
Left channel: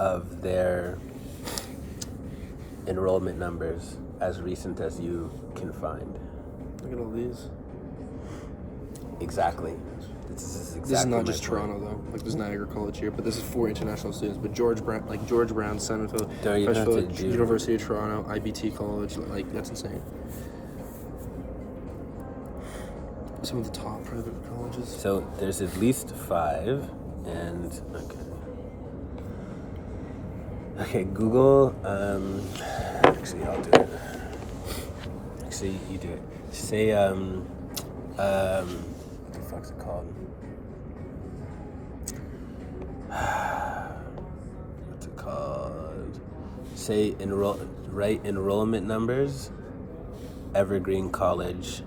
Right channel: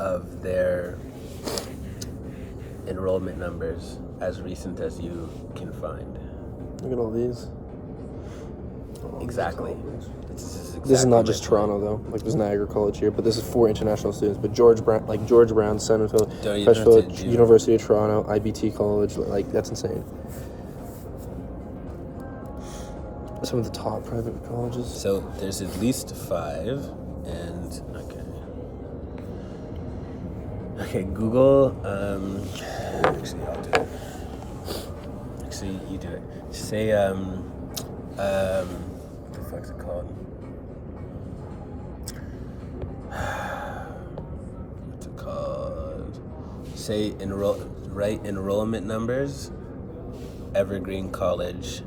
of their enrollment numbers as recent as you can find. look at all these. Exactly. This is not just Toronto though. Like there's Niagara College here, but this is for international students. But George Brown, Centerville, Freshfield, University of Toronto, IBT College, like that's insane. Some of the top private colleges. So there's at least 5, and okay. Google. Actually, I'll do it. Actually, you do it. Say what the fuck's it called? What's it called? Say write enrollment numbers. Evergreen College,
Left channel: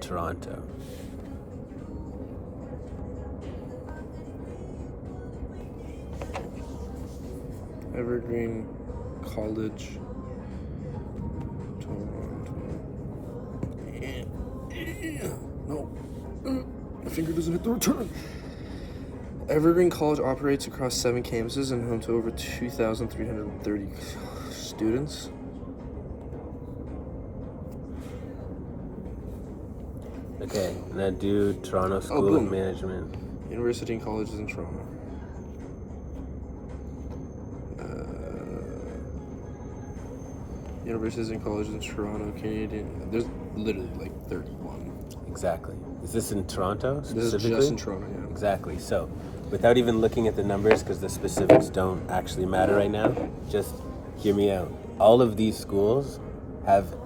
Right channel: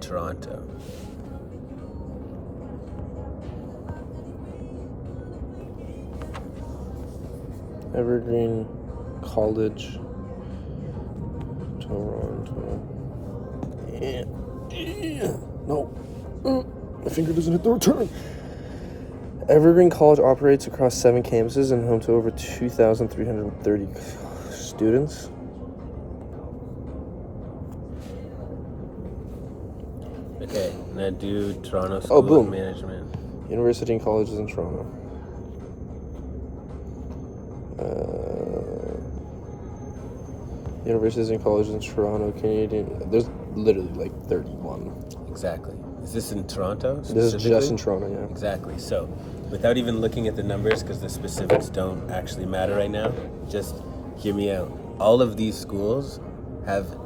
Toronto. Evergreen College, Toronto. No. My finger doesn't hit the return. Evergreen College operates across 7 campuses and home to over 2,330 students. Okay, now do Toronto School of Management. University and colleges in Toronto. Universities and colleges in Toronto, Canadian. There's literally like 31. Exactly. Is this in Toronto? This is just in Toronto, yeah. Exactly. So, without even looking at the numbers, because the specifics don't actually matter right now, just hear me out. All of these schools have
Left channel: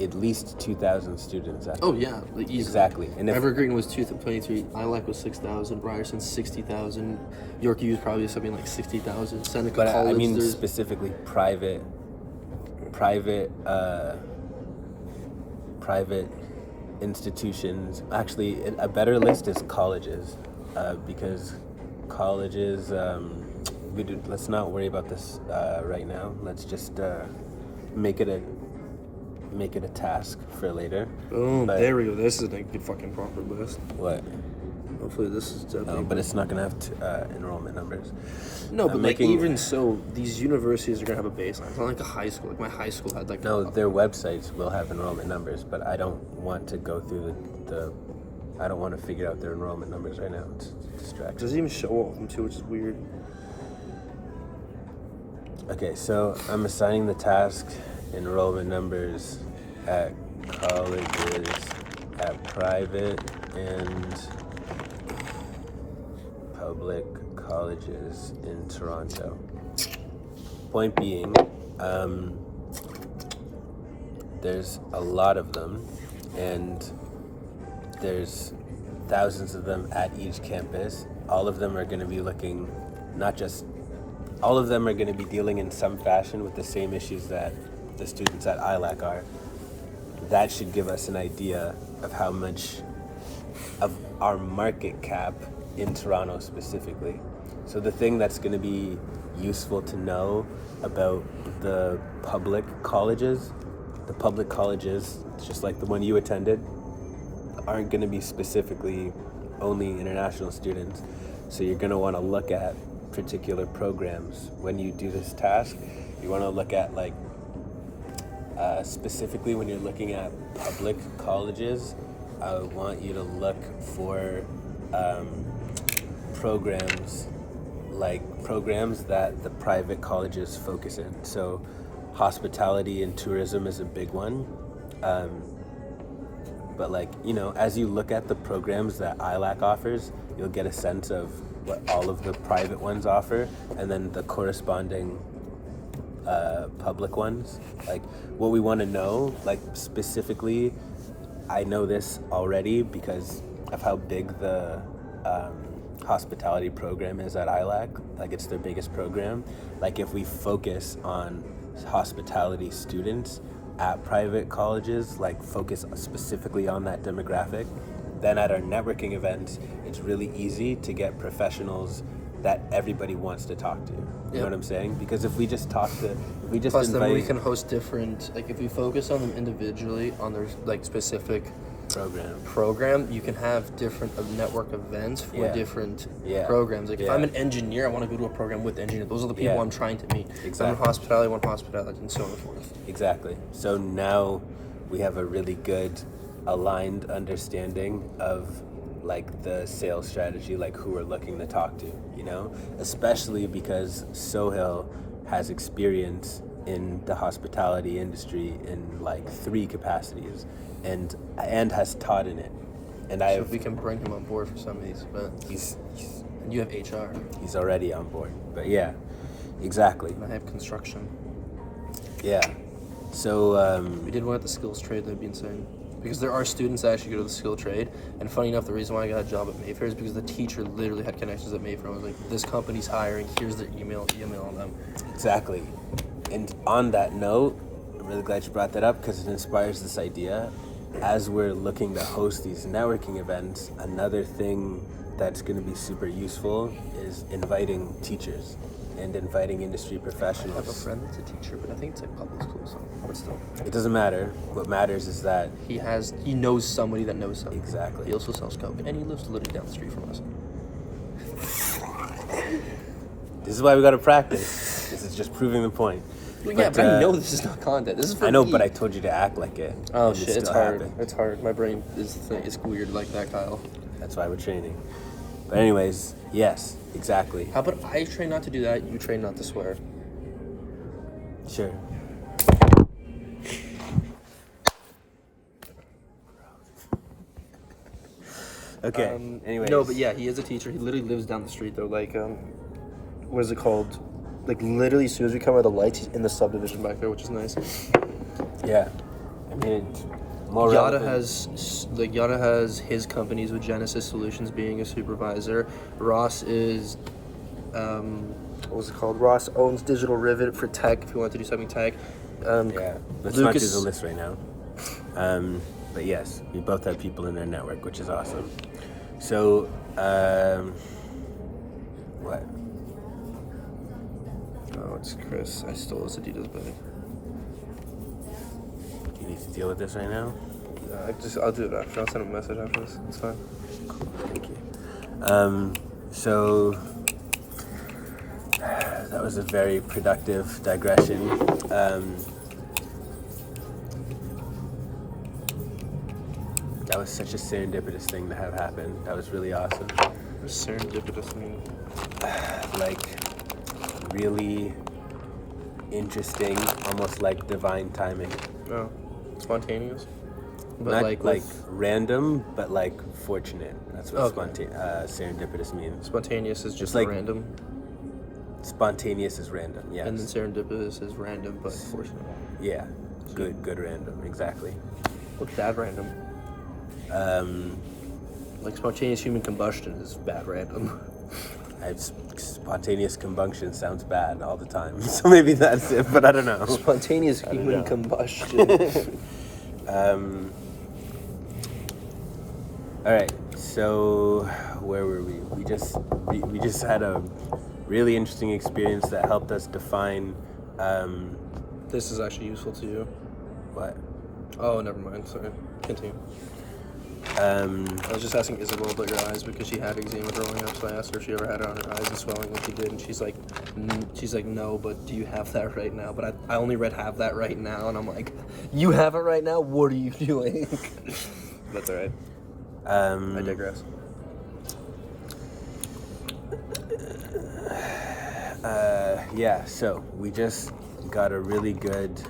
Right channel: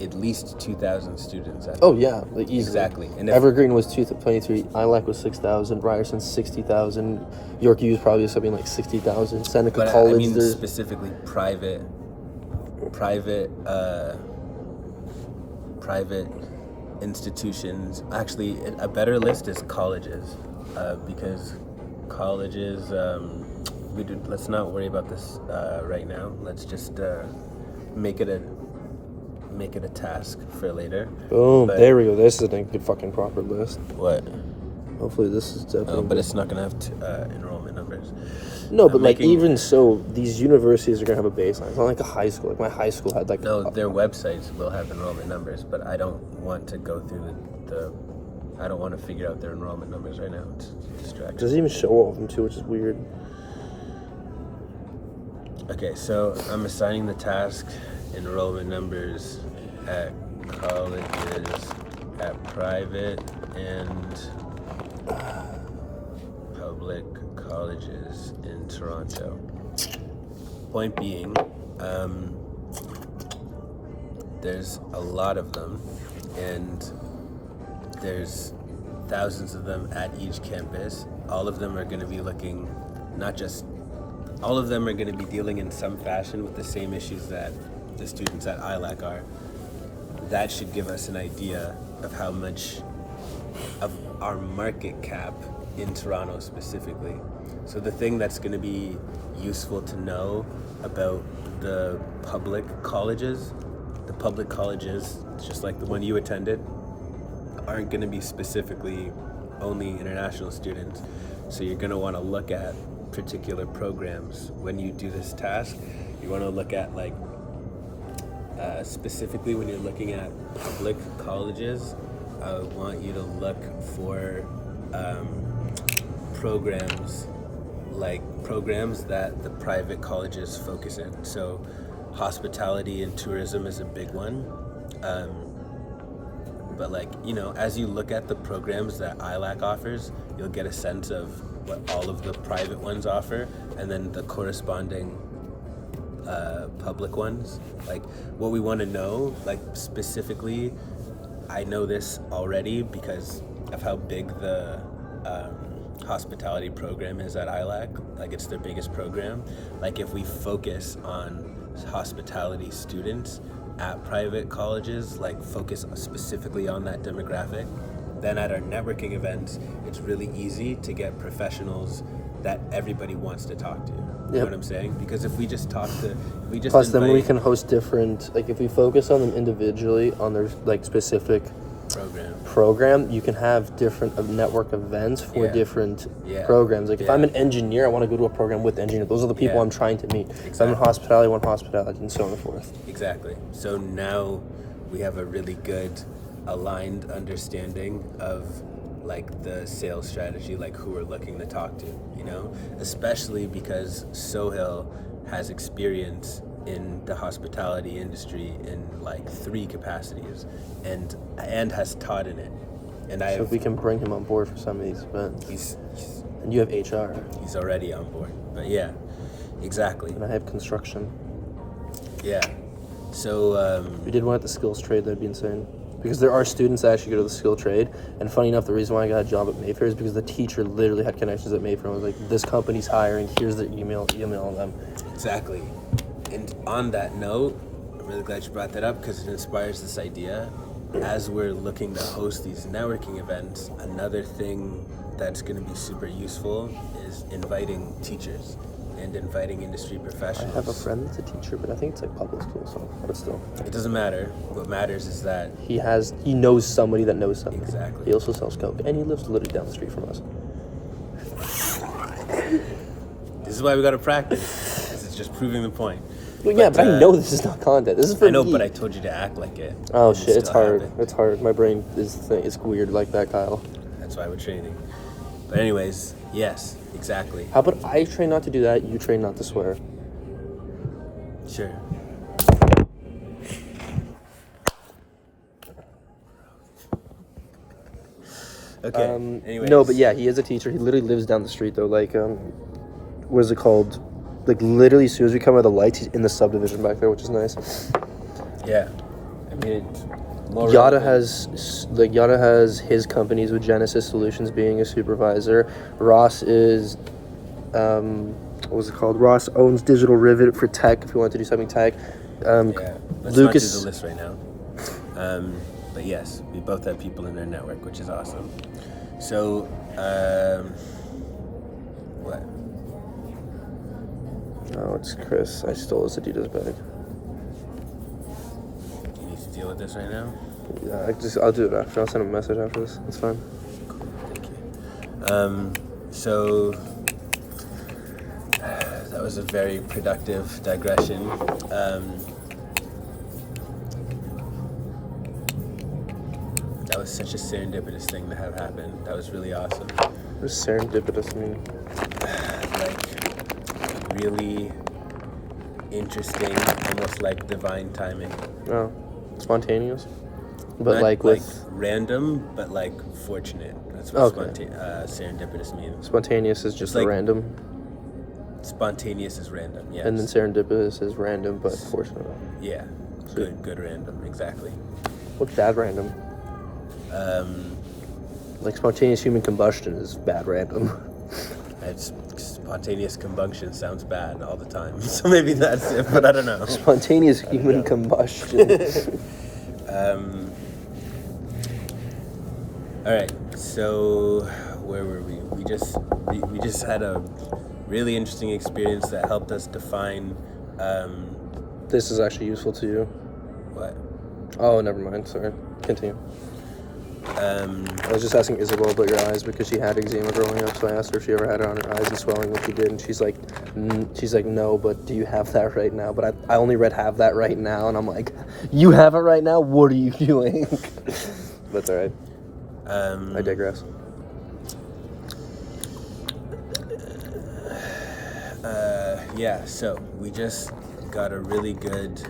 at least 2,000 students. Yeah, like easily. Exactly. And Evergreen was 223. ILAC was 6,000. Ryerson 60,000. York U was probably something like 60,000. Seneca but College. I mean specifically private institutions. Actually, a better list is colleges, because colleges. Let's not worry about this right now. Let's just make it a task for later. Oh, But- there we go. This is a good fucking proper list. What? Hopefully this is definitely... Oh, but it's not gonna have enrollment numbers. No, but I'm like making- even so, these universities are gonna have a baseline. It's not like a high school. Like my high school had like No, their websites will have enrollment numbers, but I don't want to go through I don't want to figure out their enrollment numbers right now. It's It distracting. doesn't even show all of them too, which is weird. Okay, so I'm assigning the task enrollment numbers at colleges, at private and public colleges in Toronto. Point being, there's a lot of them, and there's thousands of them at each campus. All of them are going to be looking, all of them are going to be dealing in some fashion with the same issues that the students at ILAC are. That should give us an idea of how much of our market cap in Toronto specifically. So the thing that's going to be useful to know about the public colleges, just like the one you attended, aren't going to be specifically only international students. So you're going to want to look at particular programs when you do this task. You want to look at specifically when you're looking at public colleges, I want you to look for programs that the private colleges focus in. So hospitality and tourism is a big one. But as you look at the programs that ILAC offers, you'll get a sense of what all of the private ones offer, and then the corresponding public ones. Like what we want to know, specifically, I know this already because of how big the hospitality program is at ILAC. It's their biggest program. If we focus on hospitality students at private colleges, focus specifically on that demographic, then at our networking events, it's really easy to get professionals that everybody wants to talk to. You know what I'm saying? Because if we just Plus, invite, then we can host different. If we focus on them individually on their specific program, you can have different network events for different programs. If I'm an engineer, I want to go to a program with engineers. Those are the people I'm trying to meet. If I'm in hospitality, I want hospitality, and so on and forth. Exactly. So now we have a really good aligned understanding of the sales strategy, who we're looking to talk to, especially because Sohail has experience in the hospitality industry in 3 capacities and has taught in it. And So if we can bring him on board for some of these events. And you have HR. He's already on board. But yeah, exactly. And I have construction. Yeah. So We did one at the skills trade, that'd be insane. Because there are students that actually go to the skill trade, and funny enough, the reason why I got a job at Mayfair is because the teacher literally had connections at Mayfair and was like, this company's hiring, here's their email them. exactly. And on that note, I'm really glad you brought that up because it inspires this idea. As we're looking to host these networking events, another thing that's going to be super useful is inviting teachers and inviting industry I have a professionals. friend that's a teacher, but I think it's public school, but it's still. It doesn't matter. What matters is that He knows somebody that knows somebody. Exactly. He also sells coke, and he lives literally down the street from us. this is why we got to practice. This is just proving the point. Well, yeah, but I know this is not content. This is for I know, me. but I told you to act like it. Oh and it shit, it's still hard. happened. It's hard. My brain is it's weird like that, Kyle. That's why we're training. But anyways, yes, exactly. How about I train not to do that, you train not to swear? Sure. Okay. Anyways. No, but yeah, he is a teacher. He literally lives down the street though. What is it called? Literally, as soon as we come out of the lights, he's in the subdivision back there, which is nice. Yeah. I mean, it's more Yada relevant. has his companies with Genesis Solutions being a supervisor. Ross is, what was it called? Ross owns Digital Rivet for tech. If you want to do something tech, Yeah. Let's not do Lucas. the list right now. But yes, we both have people in our network, which is awesome. So, what? Oh, it's Chris. I stole his Adidas bag. You need to deal with this right now? Yeah, I'll do it after. I'll send him a message after this. That's fine. Cool, thank you. So that was a very productive digression. That was such a serendipitous thing to have happen. That was really awesome. What does serendipitous mean? Like, really interesting, almost like divine timing. Oh, spontaneous? But Not like with... random, but like fortunate. That's what Okay. Serendipitous means. Spontaneous is just like- random. Spontaneous is random, yes. And then serendipitous is random but fortunate. Yeah, good random, exactly. What's bad random? Like spontaneous human combustion is bad random. Spontaneous combustion sounds bad all the time, so maybe that's it, but I don't know. Spontaneous human combustion. All right, so where were we? We just had a really interesting experience that helped us define This is actually useful to you. what? Oh, never mind. Sorry. Continue. I was just asking Isabel about your eyes because she had eczema growing up, so I asked her if she ever had it on her eyes and swelling when she did, and she's like, no, but do you have that right now? But I only read have that right now, and I'm like, you have it right now? What are you doing? That's all right. I digress. Yeah, so we just got a really good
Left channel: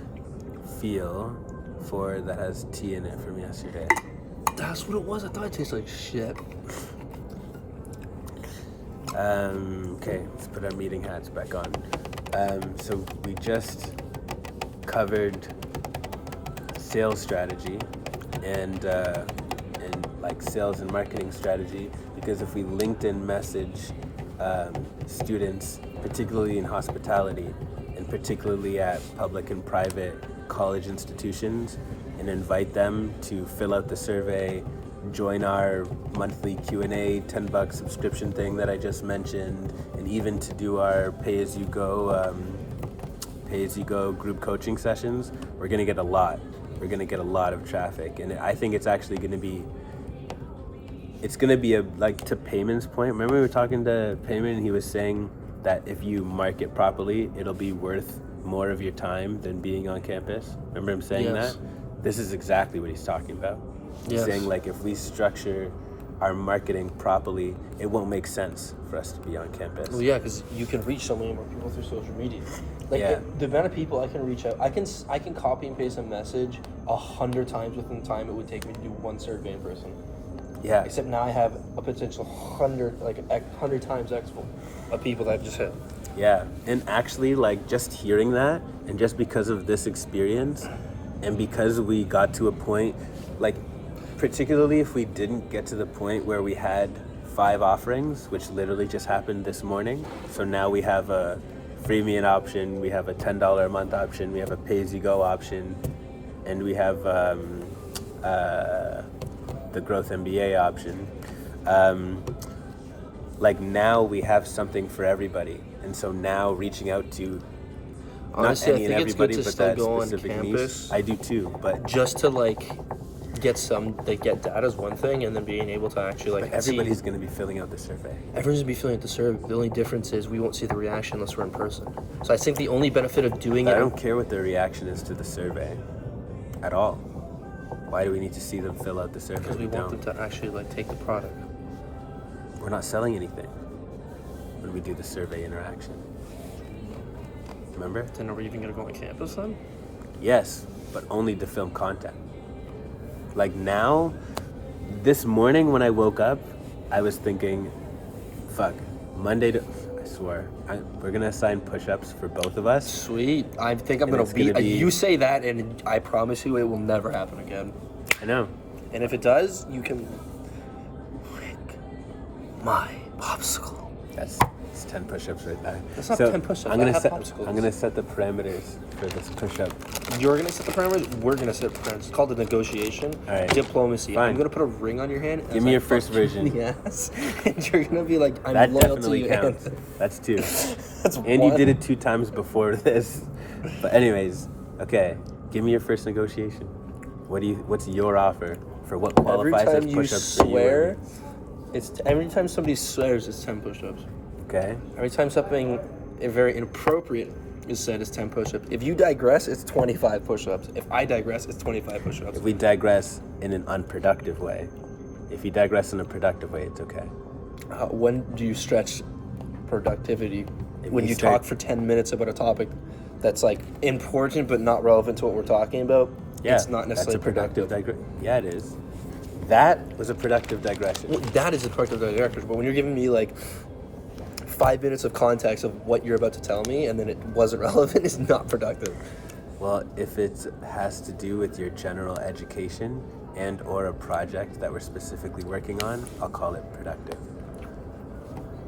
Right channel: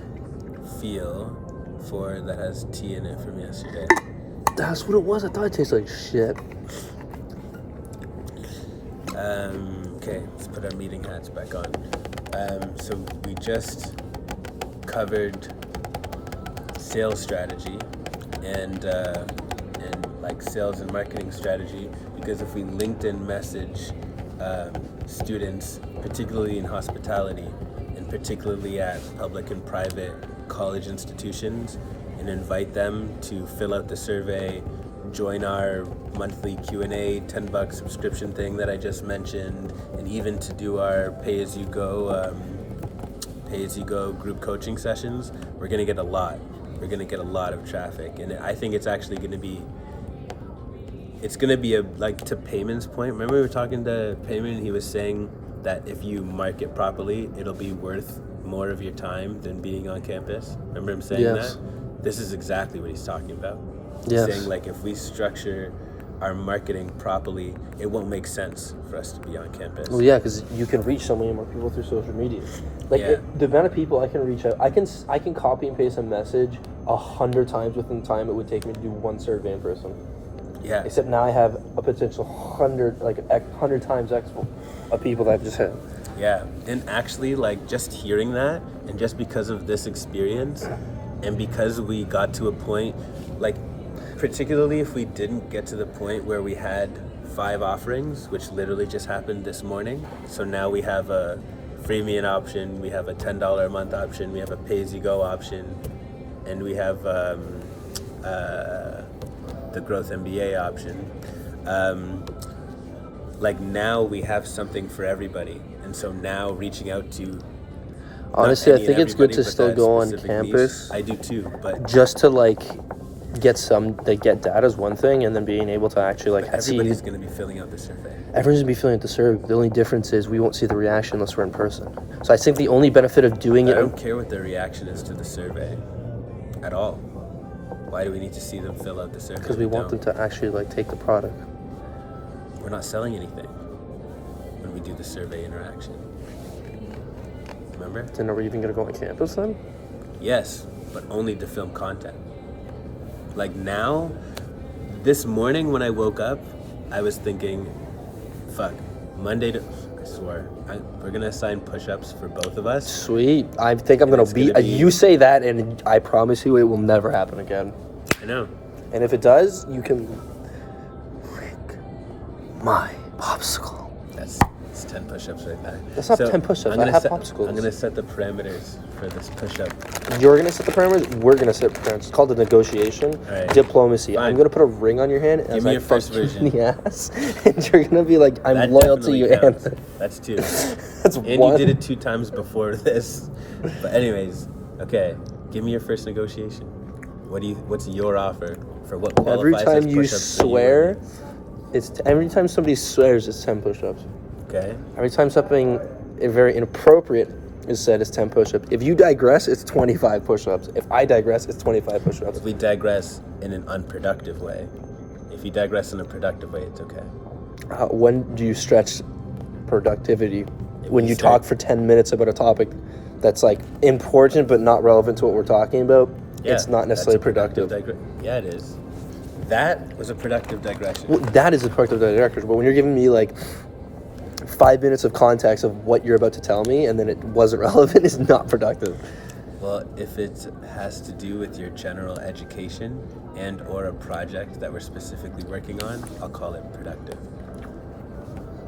feel for that has tea in it from yesterday. That's what it was. I thought it tasted like shit. Okay, let's put our meeting hats back on. So we just covered sales strategy and like sales and marketing strategy, because if we LinkedIn message students, particularly in hospitality and particularly at public and private college institutions, and invite them to fill out the survey, join our monthly Q&A, $10 subscription thing that I just mentioned, and even to do our pay-as-you-go group coaching sessions, we're going to get a lot. We're going to get a lot of traffic, and I think it's actually going to be, like, to Payman's point. Remember we were talking to Payman, and he was saying that if you market properly, it'll be worth more of your time than being on campus. Remember him saying Yes. that? This is exactly what he's talking about. He's Yes. saying, like, if we structure our marketing properly, it won't make sense for us to be on campus. Well, yeah, because you can reach so many more people through social media. Like Yeah. the amount of people I can reach out, I can copy and paste a message 100 times within the time it would take me to do one survey in person. Yeah. Except now I have a potential 100 times X of people that I've just hit. Yeah, and actually, like, just hearing that, and just because of this experience, and because we got to a point, like, particularly if we didn't get to the point where we had 5 offerings, which literally just happened this morning. So now we have a freemium option, we have a $10 a month option, we have a pay-as-you-go option, and we have the Growth MBA option. Like, now we have something for everybody, and so now reaching out to Honestly, I not any think and it's good everybody, to but still that go on specific campus. niche. I do too, but Just to get data is one thing, and then being able to actually see. everybody's going to be filling out the survey. Everyone's gonna be filling out the survey. The only difference is we won't see the reaction unless we're in person. So I think the only benefit of doing I it. don't care what their reaction is to the survey at all. Why do we need to see them fill out the survey? Because we want them don't. to actually take the product. We're not selling anything when we do the survey interaction. Remember? Then are we even gonna go on campus then? Yes, but only to film content. Like, now, this morning when I woke up, I was thinking, fuck, Monday to... I swear, we're going to assign push-ups for both of us. Sweet. I think I'm gonna It's gonna be- You say that, and I promise you, it will never happen again. I know. And if it does, you can lick my popsicle. It's 10 push-ups right there. That's not 10 push-ups, I'm gonna I have set. popsicles. I'm gonna set the parameters for this push-up. You're gonna set the parameters. We're gonna set the parameters. It's called a negotiation. All right. Diplomacy. Fine. I'm gonna put a ring on your hand. Give me your first version. Yes. And you're gonna be like, I'm That loyal to definitely you, counts. Anthony. That's 2. That's And one. you did it 2 times before this. But anyways, okay. Give me your first negotiation. What's your offer for what Every qualifies time as you push-ups that you swear, would every time somebody swears, it's 10 push-ups. need? Okay. Every time something very inappropriate is said, it's 10 push-ups. If you digress, it's 25 push-ups. If I digress, it's 25 push-ups. If we digress in an unproductive way, if you digress in a productive way, it's okay. When do you stretch productivity? When we you start- talk for 10 minutes about a topic that's like important but not relevant to what we're talking about, it's not necessarily productive. Yeah, it is. That was a productive digression. Well, that is a productive digression. But when you're giving me like 5 minutes of context of what you're about to tell me and then it wasn't relevant, it's not productive. Well, if it has to do with your general education and or a project that we're specifically working on, I'll call it productive.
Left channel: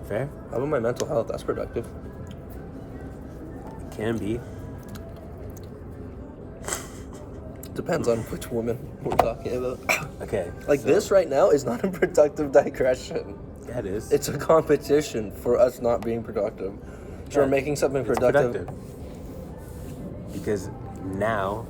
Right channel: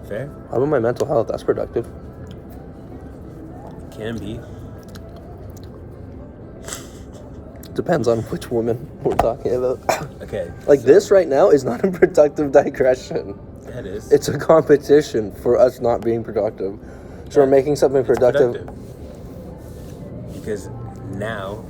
Fair? How about my mental health? That's productive. Can be. Depends on which woman we're talking about. Okay. Like so- this right now is not a productive digression. That is. It's a competition for us not being productive. So we're Yeah, making something it's productive. Because now,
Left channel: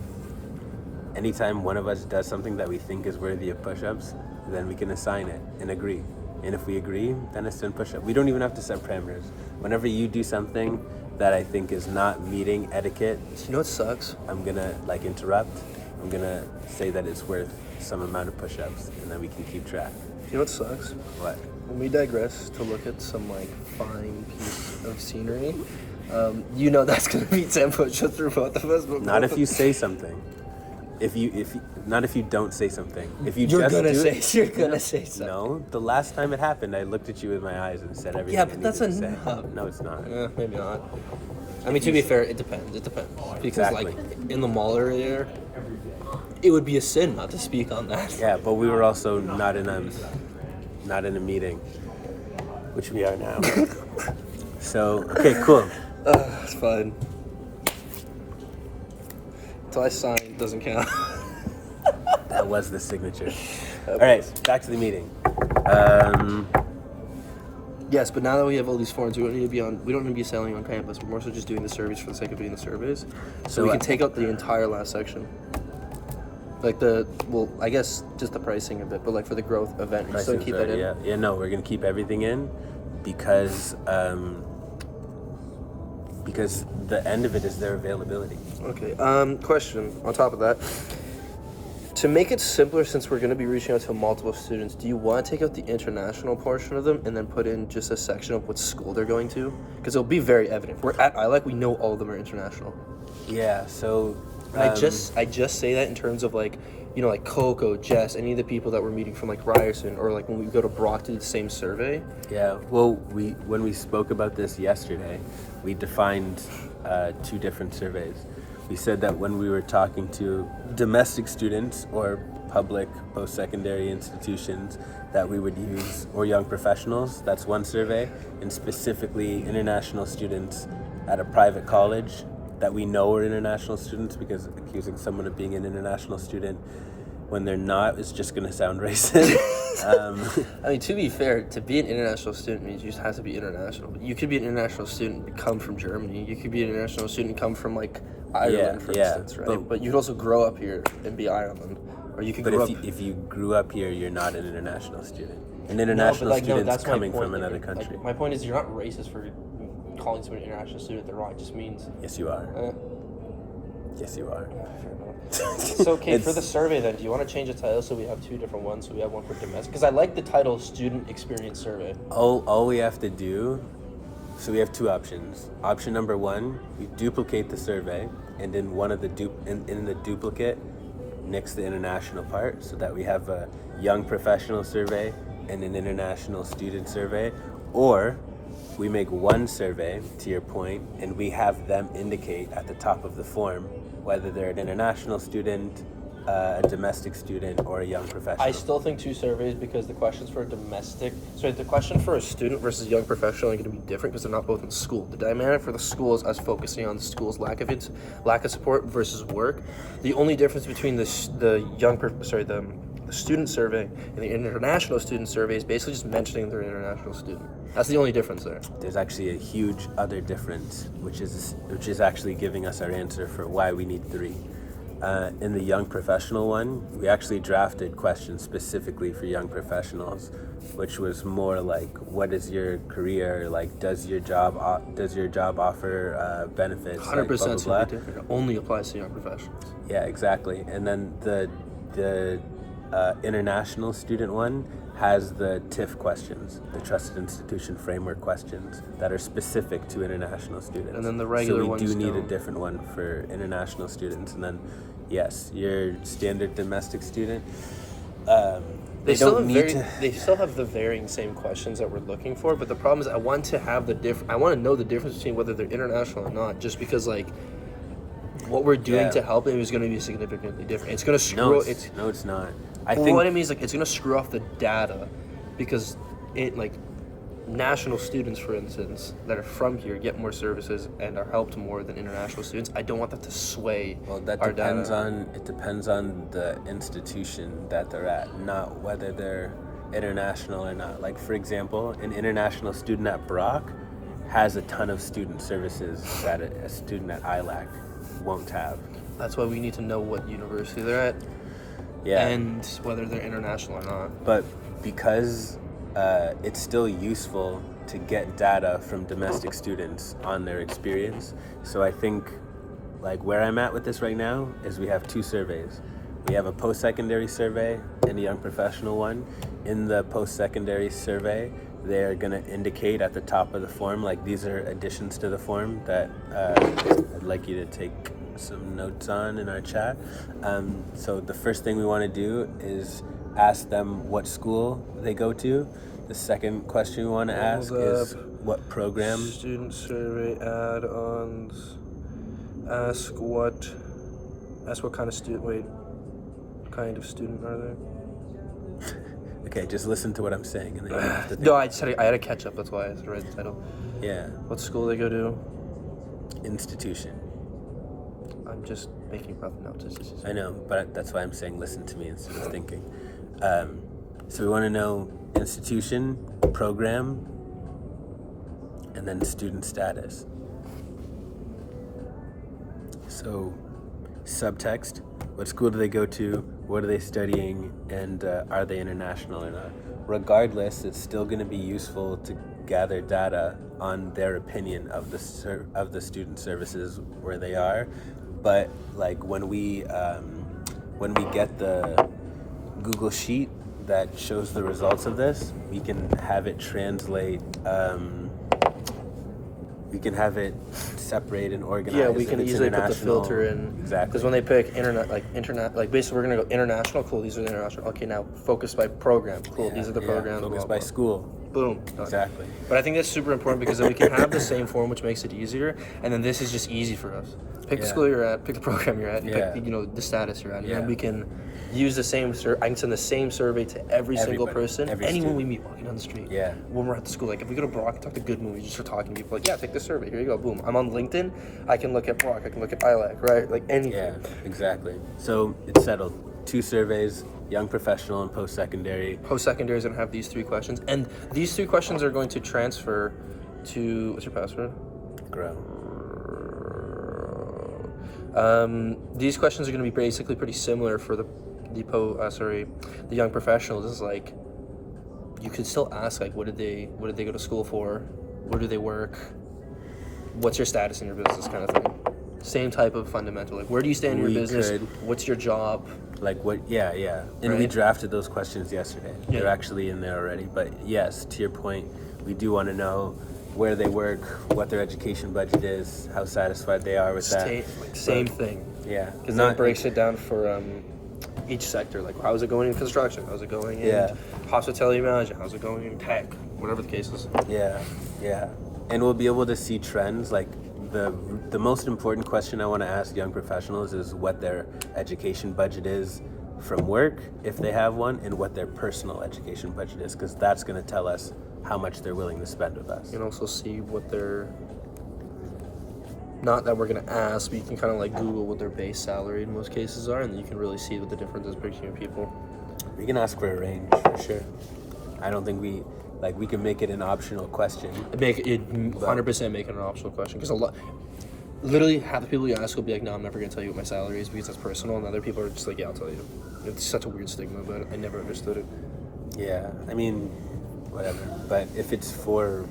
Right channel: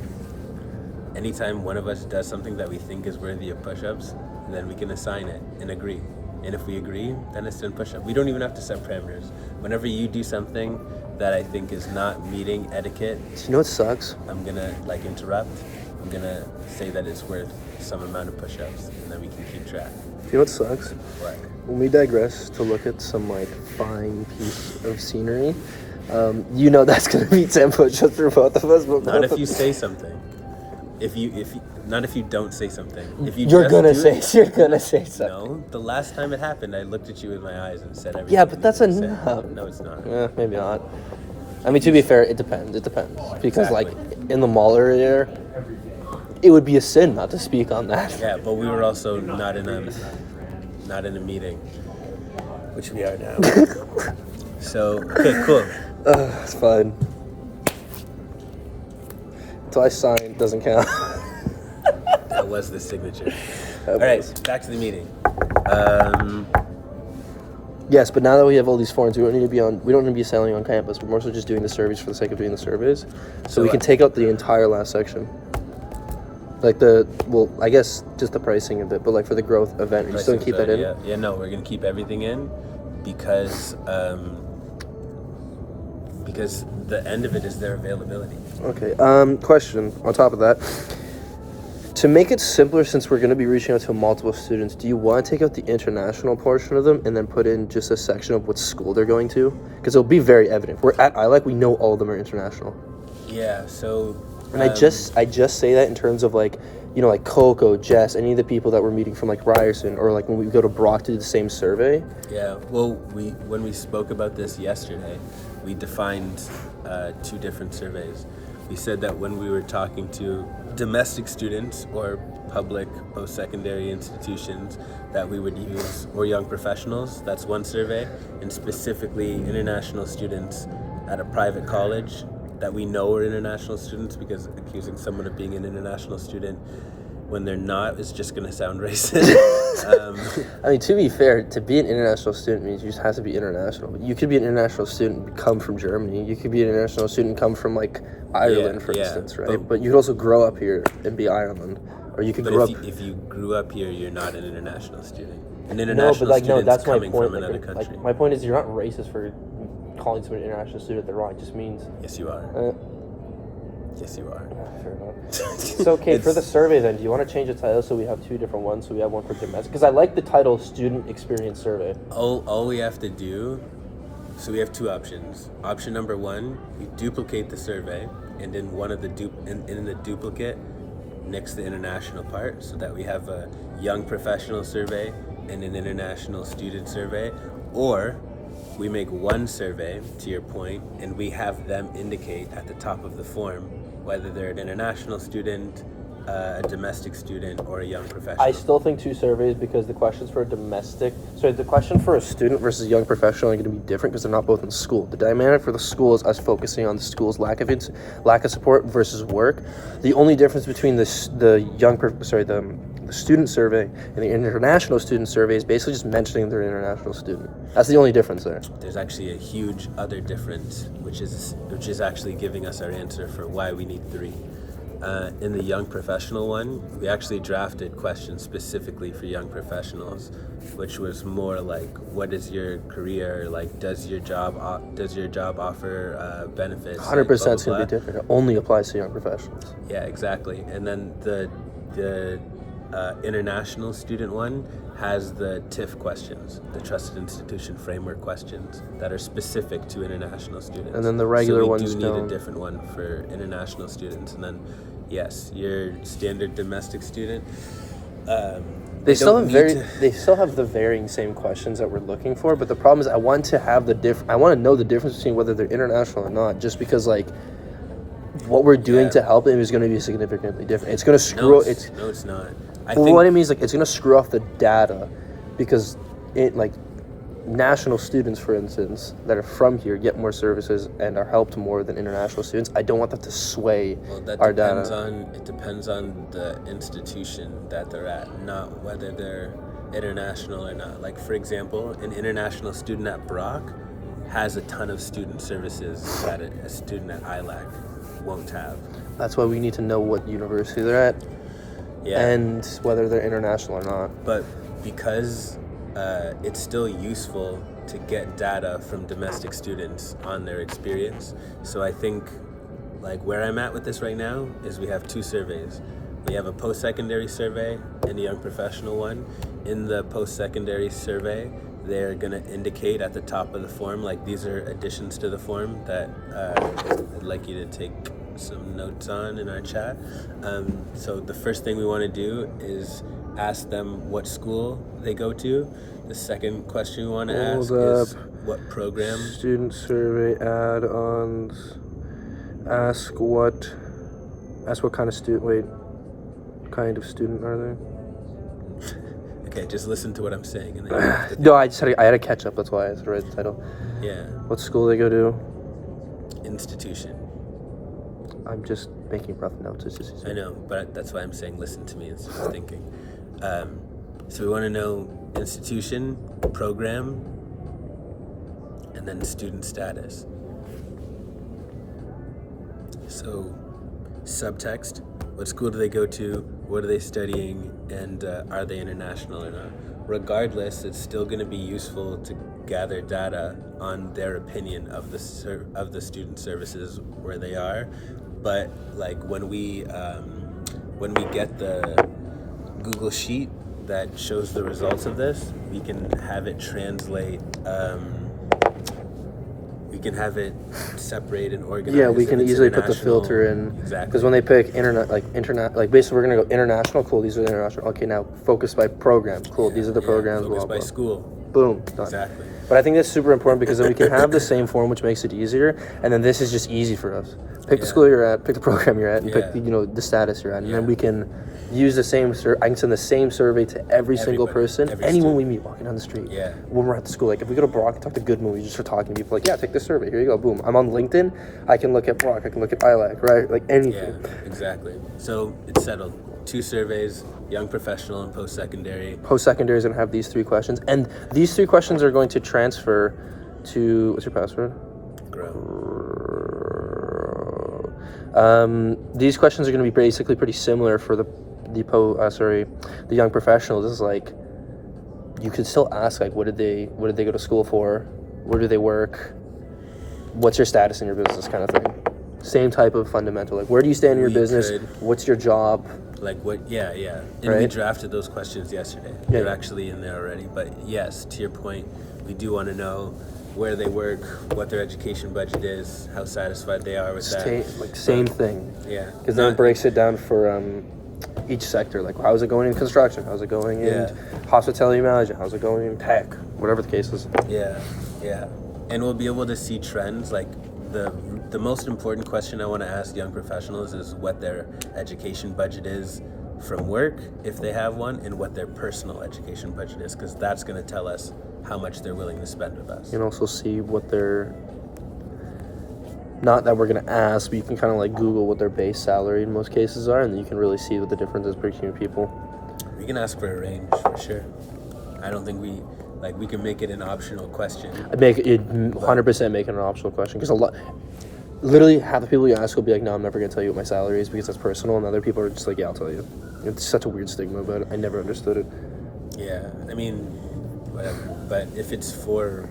anytime one of us does something that we think is worthy of push-ups, then we can assign it and agree. And if we agree, then it's 10 push-ups. We don't even have to set parameters. Whenever you do something that I think is not meeting etiquette, Do you know what sucks? I'm gonna interrupt. I'm gonna say that it's worth some amount of push-ups, and then we can keep track. Do you know what sucks? What? When we digress to look at some like fine piece of scenery, you know that's gonna be 10 push-ups for both of us. But Not both if you of- say something. Not if you don't say something. If you You're just gonna do say it, you're gonna say something. no. The last time it happened, I looked at you with my eyes and said everything. Yeah, but you that's needed to say. enough. No, it's not. Yeah, maybe not. I mean, to be fair, it depends. It depends because like Exactly. in the mall area, it would be a sin not to speak on that. Yeah, but we were also not in a meeting, which we are now. So okay, cool. It's fine. So I signed, doesn't count. That was the signature. That All right, was. back to the meeting. Yes, but now that we have all these forms, we don't need to be selling on campus. We're more so just doing the surveys for the sake of doing the surveys. So we can take out the entire last section. Like I guess just the pricing a bit, but like for the growth event, we still keep that in. Yeah, no, we're gonna keep everything in because the end of it is their availability. Okay. Question on top of that. To make it simpler, since we're going to be reaching out to multiple students, do you want to take out the international portion of them and then put in just a section of what school they're going to? Because it'll be very evident. We're at ILAC, we know all of them are international. Yeah, so And I just say that in terms of like, you know, like Coco, Jess, any of the people that we're meeting from like Ryerson, or like when we go to Brock to do the same survey. yeah, well, when we spoke about this yesterday, we defined 2 different surveys. We said that when we were talking to domestic students or public post-secondary institutions that we would use, or young professionals, that's one survey, and specifically international students at a private college that we know are international students, because accusing someone of being an international student when they're not is just going to sound racist. I mean, to be fair, to be an international student means you just have to be international. But you could be an international student and come from Germany. You could be an international student and come from like Ireland, for instance, right? But you could also grow up here and be Ireland, or you could But grow up. if you grew up here, you're not an international student. An No, international but, like, no, student's that's my coming point. from Like, another like, country. my point is, you're not racist for calling someone an international student. They're wrong. It just means. Yes, you are. Yes, you are. So okay, for the It's- survey then, do you want to change the title so we have 2 different ones? So we have one for domestic, because I like the title "Student Experience Survey." All we have to do, so we have 2 options. Option number 1, you duplicate the survey, and in one of the in the duplicate, nix the international part, so that we have a young professional survey and an international student survey, or we make one survey, to your point, and we have them indicate at the top of the form whether they're an international student, a domestic student or a young professional? I still think 2 surveys because the questions for the question for a student versus a young professional are going to be different because they're not both in school. The dynamic for the school is us focusing on the school's lack of support versus work. The only difference between the student survey and the international student survey is basically just mentioning they're an international student. That's the only difference there. There's actually a huge other difference, which is actually giving us our answer for why we need 3. In the young professional one, we actually drafted questions specifically for young professionals, which was more like, what is your career like? Does your job offer benefits? 100% like, is going to be different. It only applies to young professionals. Yeah, exactly. And then the international student one has the TIF questions, the Trusted Institution Framework questions that are specific to international students. And then the regular ones. ones So we do need a don't. different one for international students. And then, yes, your standard domestic student. They still don't have the varying same questions that we're looking for, but the problem is I want to know the difference between whether they're international or not, just because like what we're doing to help them is going to be significantly different. It's going to screw. No, it's not. What I mean is like it's going to screw off the data because national students, for instance, that are from here get more services and are helped more than international students. I don't want that to sway our data. It depends on the institution that they're at, not whether they're international or not. Like, for example, an international student at Brock has a ton of student services that a student at ILAC won't have. That's why we need to know what university they're at and whether they're international or not. But because it's still useful to get data from domestic students on their experience. So I think, like, where I'm at with this right now is we have 2 surveys. We have a post-secondary survey and a young professional one. In the post-secondary survey, they're going to indicate at the top of the form, like, these are additions to the form that I'd like you to take some notes on in our chat. So the first thing we want to do is ask them what school they go to. The second question we want to ask is what program. Student survey add-ons. Ask what kind of student. Wait, what kind of student are they? Okay, just listen to what I'm saying. And then you have to No, I had to catch up. That's why I had to write the title. Yeah. What school they go to? Institution. I'm just making rough notes. It's just easier. I know, but that's why I'm saying listen to me instead of thinking. So we want to know institution, program, and then student status. So subtext, what school do they go to, what are they studying, and are they international or not? Regardless, it's still going to be useful to gather data on their opinion of the student services where they are. But like when we get the Google Sheet that shows the results of this, we can have it translate. We can have it separate and organize. Yeah, we can easily put the filter in. Exactly. Because when they pick basically we're gonna go international. Cool, these are the international. Okay, now focus by program. Cool, these are the programs. Focus blah, by blah. school. Boom. Exactly. But I think that's super important because then we can have the same form, which makes it easier. And then this is just easy for us. Pick the school you're at, pick the program you're at, and pick the status you're at, and then we can use the same. I can send the same survey to every single person, anyone we meet walking down the street. Yeah. When we're at the school, like if we go to Brock and talk to Good Movies, just start talking to people, like, yeah, take this survey. Here you go. Boom. I'm on LinkedIn. I can look at Brock. I can look at ILAC. Right. Like anything. Yeah. Exactly. So it's settled. 2 surveys: young professional and post-secondary. Post-secondary is going to have these 3 questions, and these 3 questions are going to transfer to what's your password? Grow. These questions are going to be basically pretty similar for the young professionals. This is like you could still ask like what did they go to school for, where do they work, what's your status in your business, kind of thing. Same type of fundamental, like where do you stand in your business, what's your job, like what. And we drafted those questions yesterday. They're actually in there already. But yes, to your point, we do want to know where they work, what their education budget is, how satisfied they are with that. Same thing. Yeah. Because then it breaks it down for each sector. Like, how's it going in construction? How's it going in hospitality management? How's it going in tech? Whatever the case is. Yeah. And we'll be able to see trends. Like, the most important question I want to ask young professionals is what their education budget is from work, if they have one, and what their personal education budget is, because that's going to tell us how much they're willing to spend with us. You can also see what their, not that we're going to ask, but you can kind of like Google what their base salary in most cases are, and then you can really see what the difference is between people. We can ask for a range for sure. I don't think we can make it an optional question. I'd make it 100% make it an optional question, because literally half the people you ask will be like, no, I'm never going to tell you what my salary is because that's personal, and other people are just like, yeah, I'll tell you. It's such a weird stigma about it. I never understood it. Yeah, I mean, whatever. But if it's for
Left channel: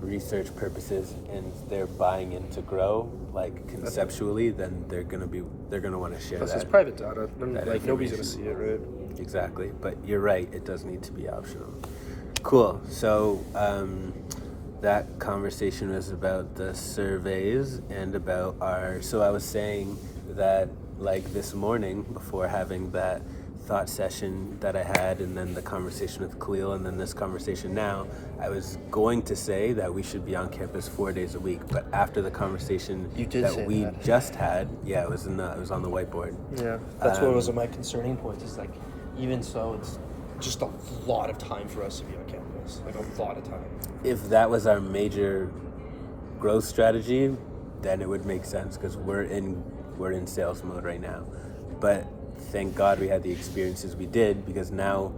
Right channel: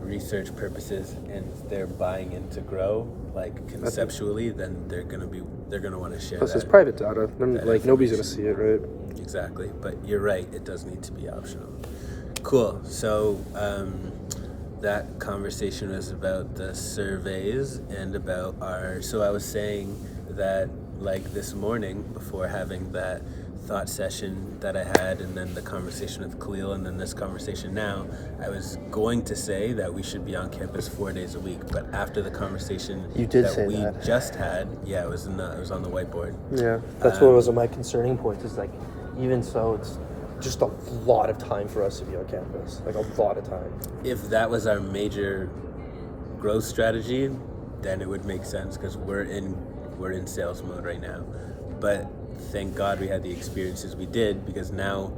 research purposes and they're buying in to grow, like conceptually, then they're gonna want to share that. It's private data. Like nobody's gonna see it, right? Exactly. But you're right. It does need to be optional. Cool. So that conversation was about the surveys and about our. So I was saying that like this morning before having that thought session that I had, and then the conversation with Khalil, and then this conversation now, I was going to say that we should be on campus 4 days a week, but after the conversation just had, yeah, it was on the whiteboard. Yeah, that's what was my concerning point. Is like, even so, it's just a lot of time for us to be on campus, like a lot of time. If that was our major growth strategy, then it would make sense because we're in sales mode right now, but. Thank God we had the experiences we did, because now,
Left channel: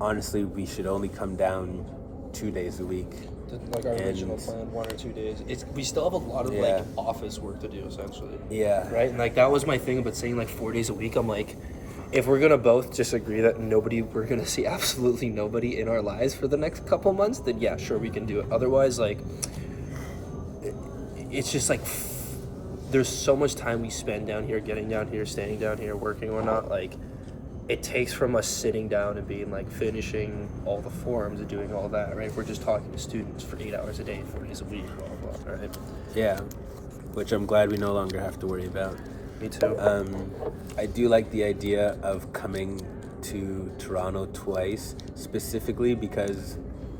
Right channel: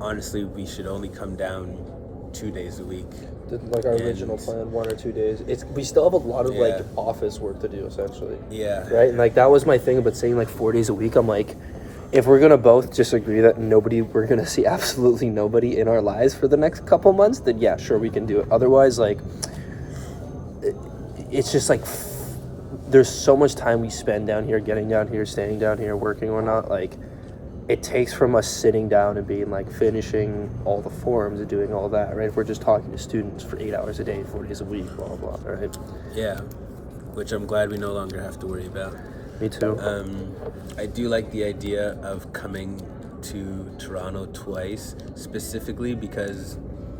honestly, we should only come down 2 days a week. Like our original plan, 1 or 2 days. We still have a lot of like office work to do, essentially. Yeah. Right, and like that was my thing about saying like 4 days a week. I'm like, if we're gonna both just agree that we're gonna see absolutely nobody in our lives for the next couple months, then yeah, sure, we can do it. Otherwise, like, it's just like. There's so much time we spend down here, getting down here, staying down here, working or not. Like, it takes from us sitting down and being like finishing all the forms and doing all that, right? If we're just talking to students for 8 hours a day, 4 days a week, blah, blah, blah, right? Yeah, which I'm glad we no longer have to worry about. Me too. I do like the idea of coming to Toronto twice, specifically because,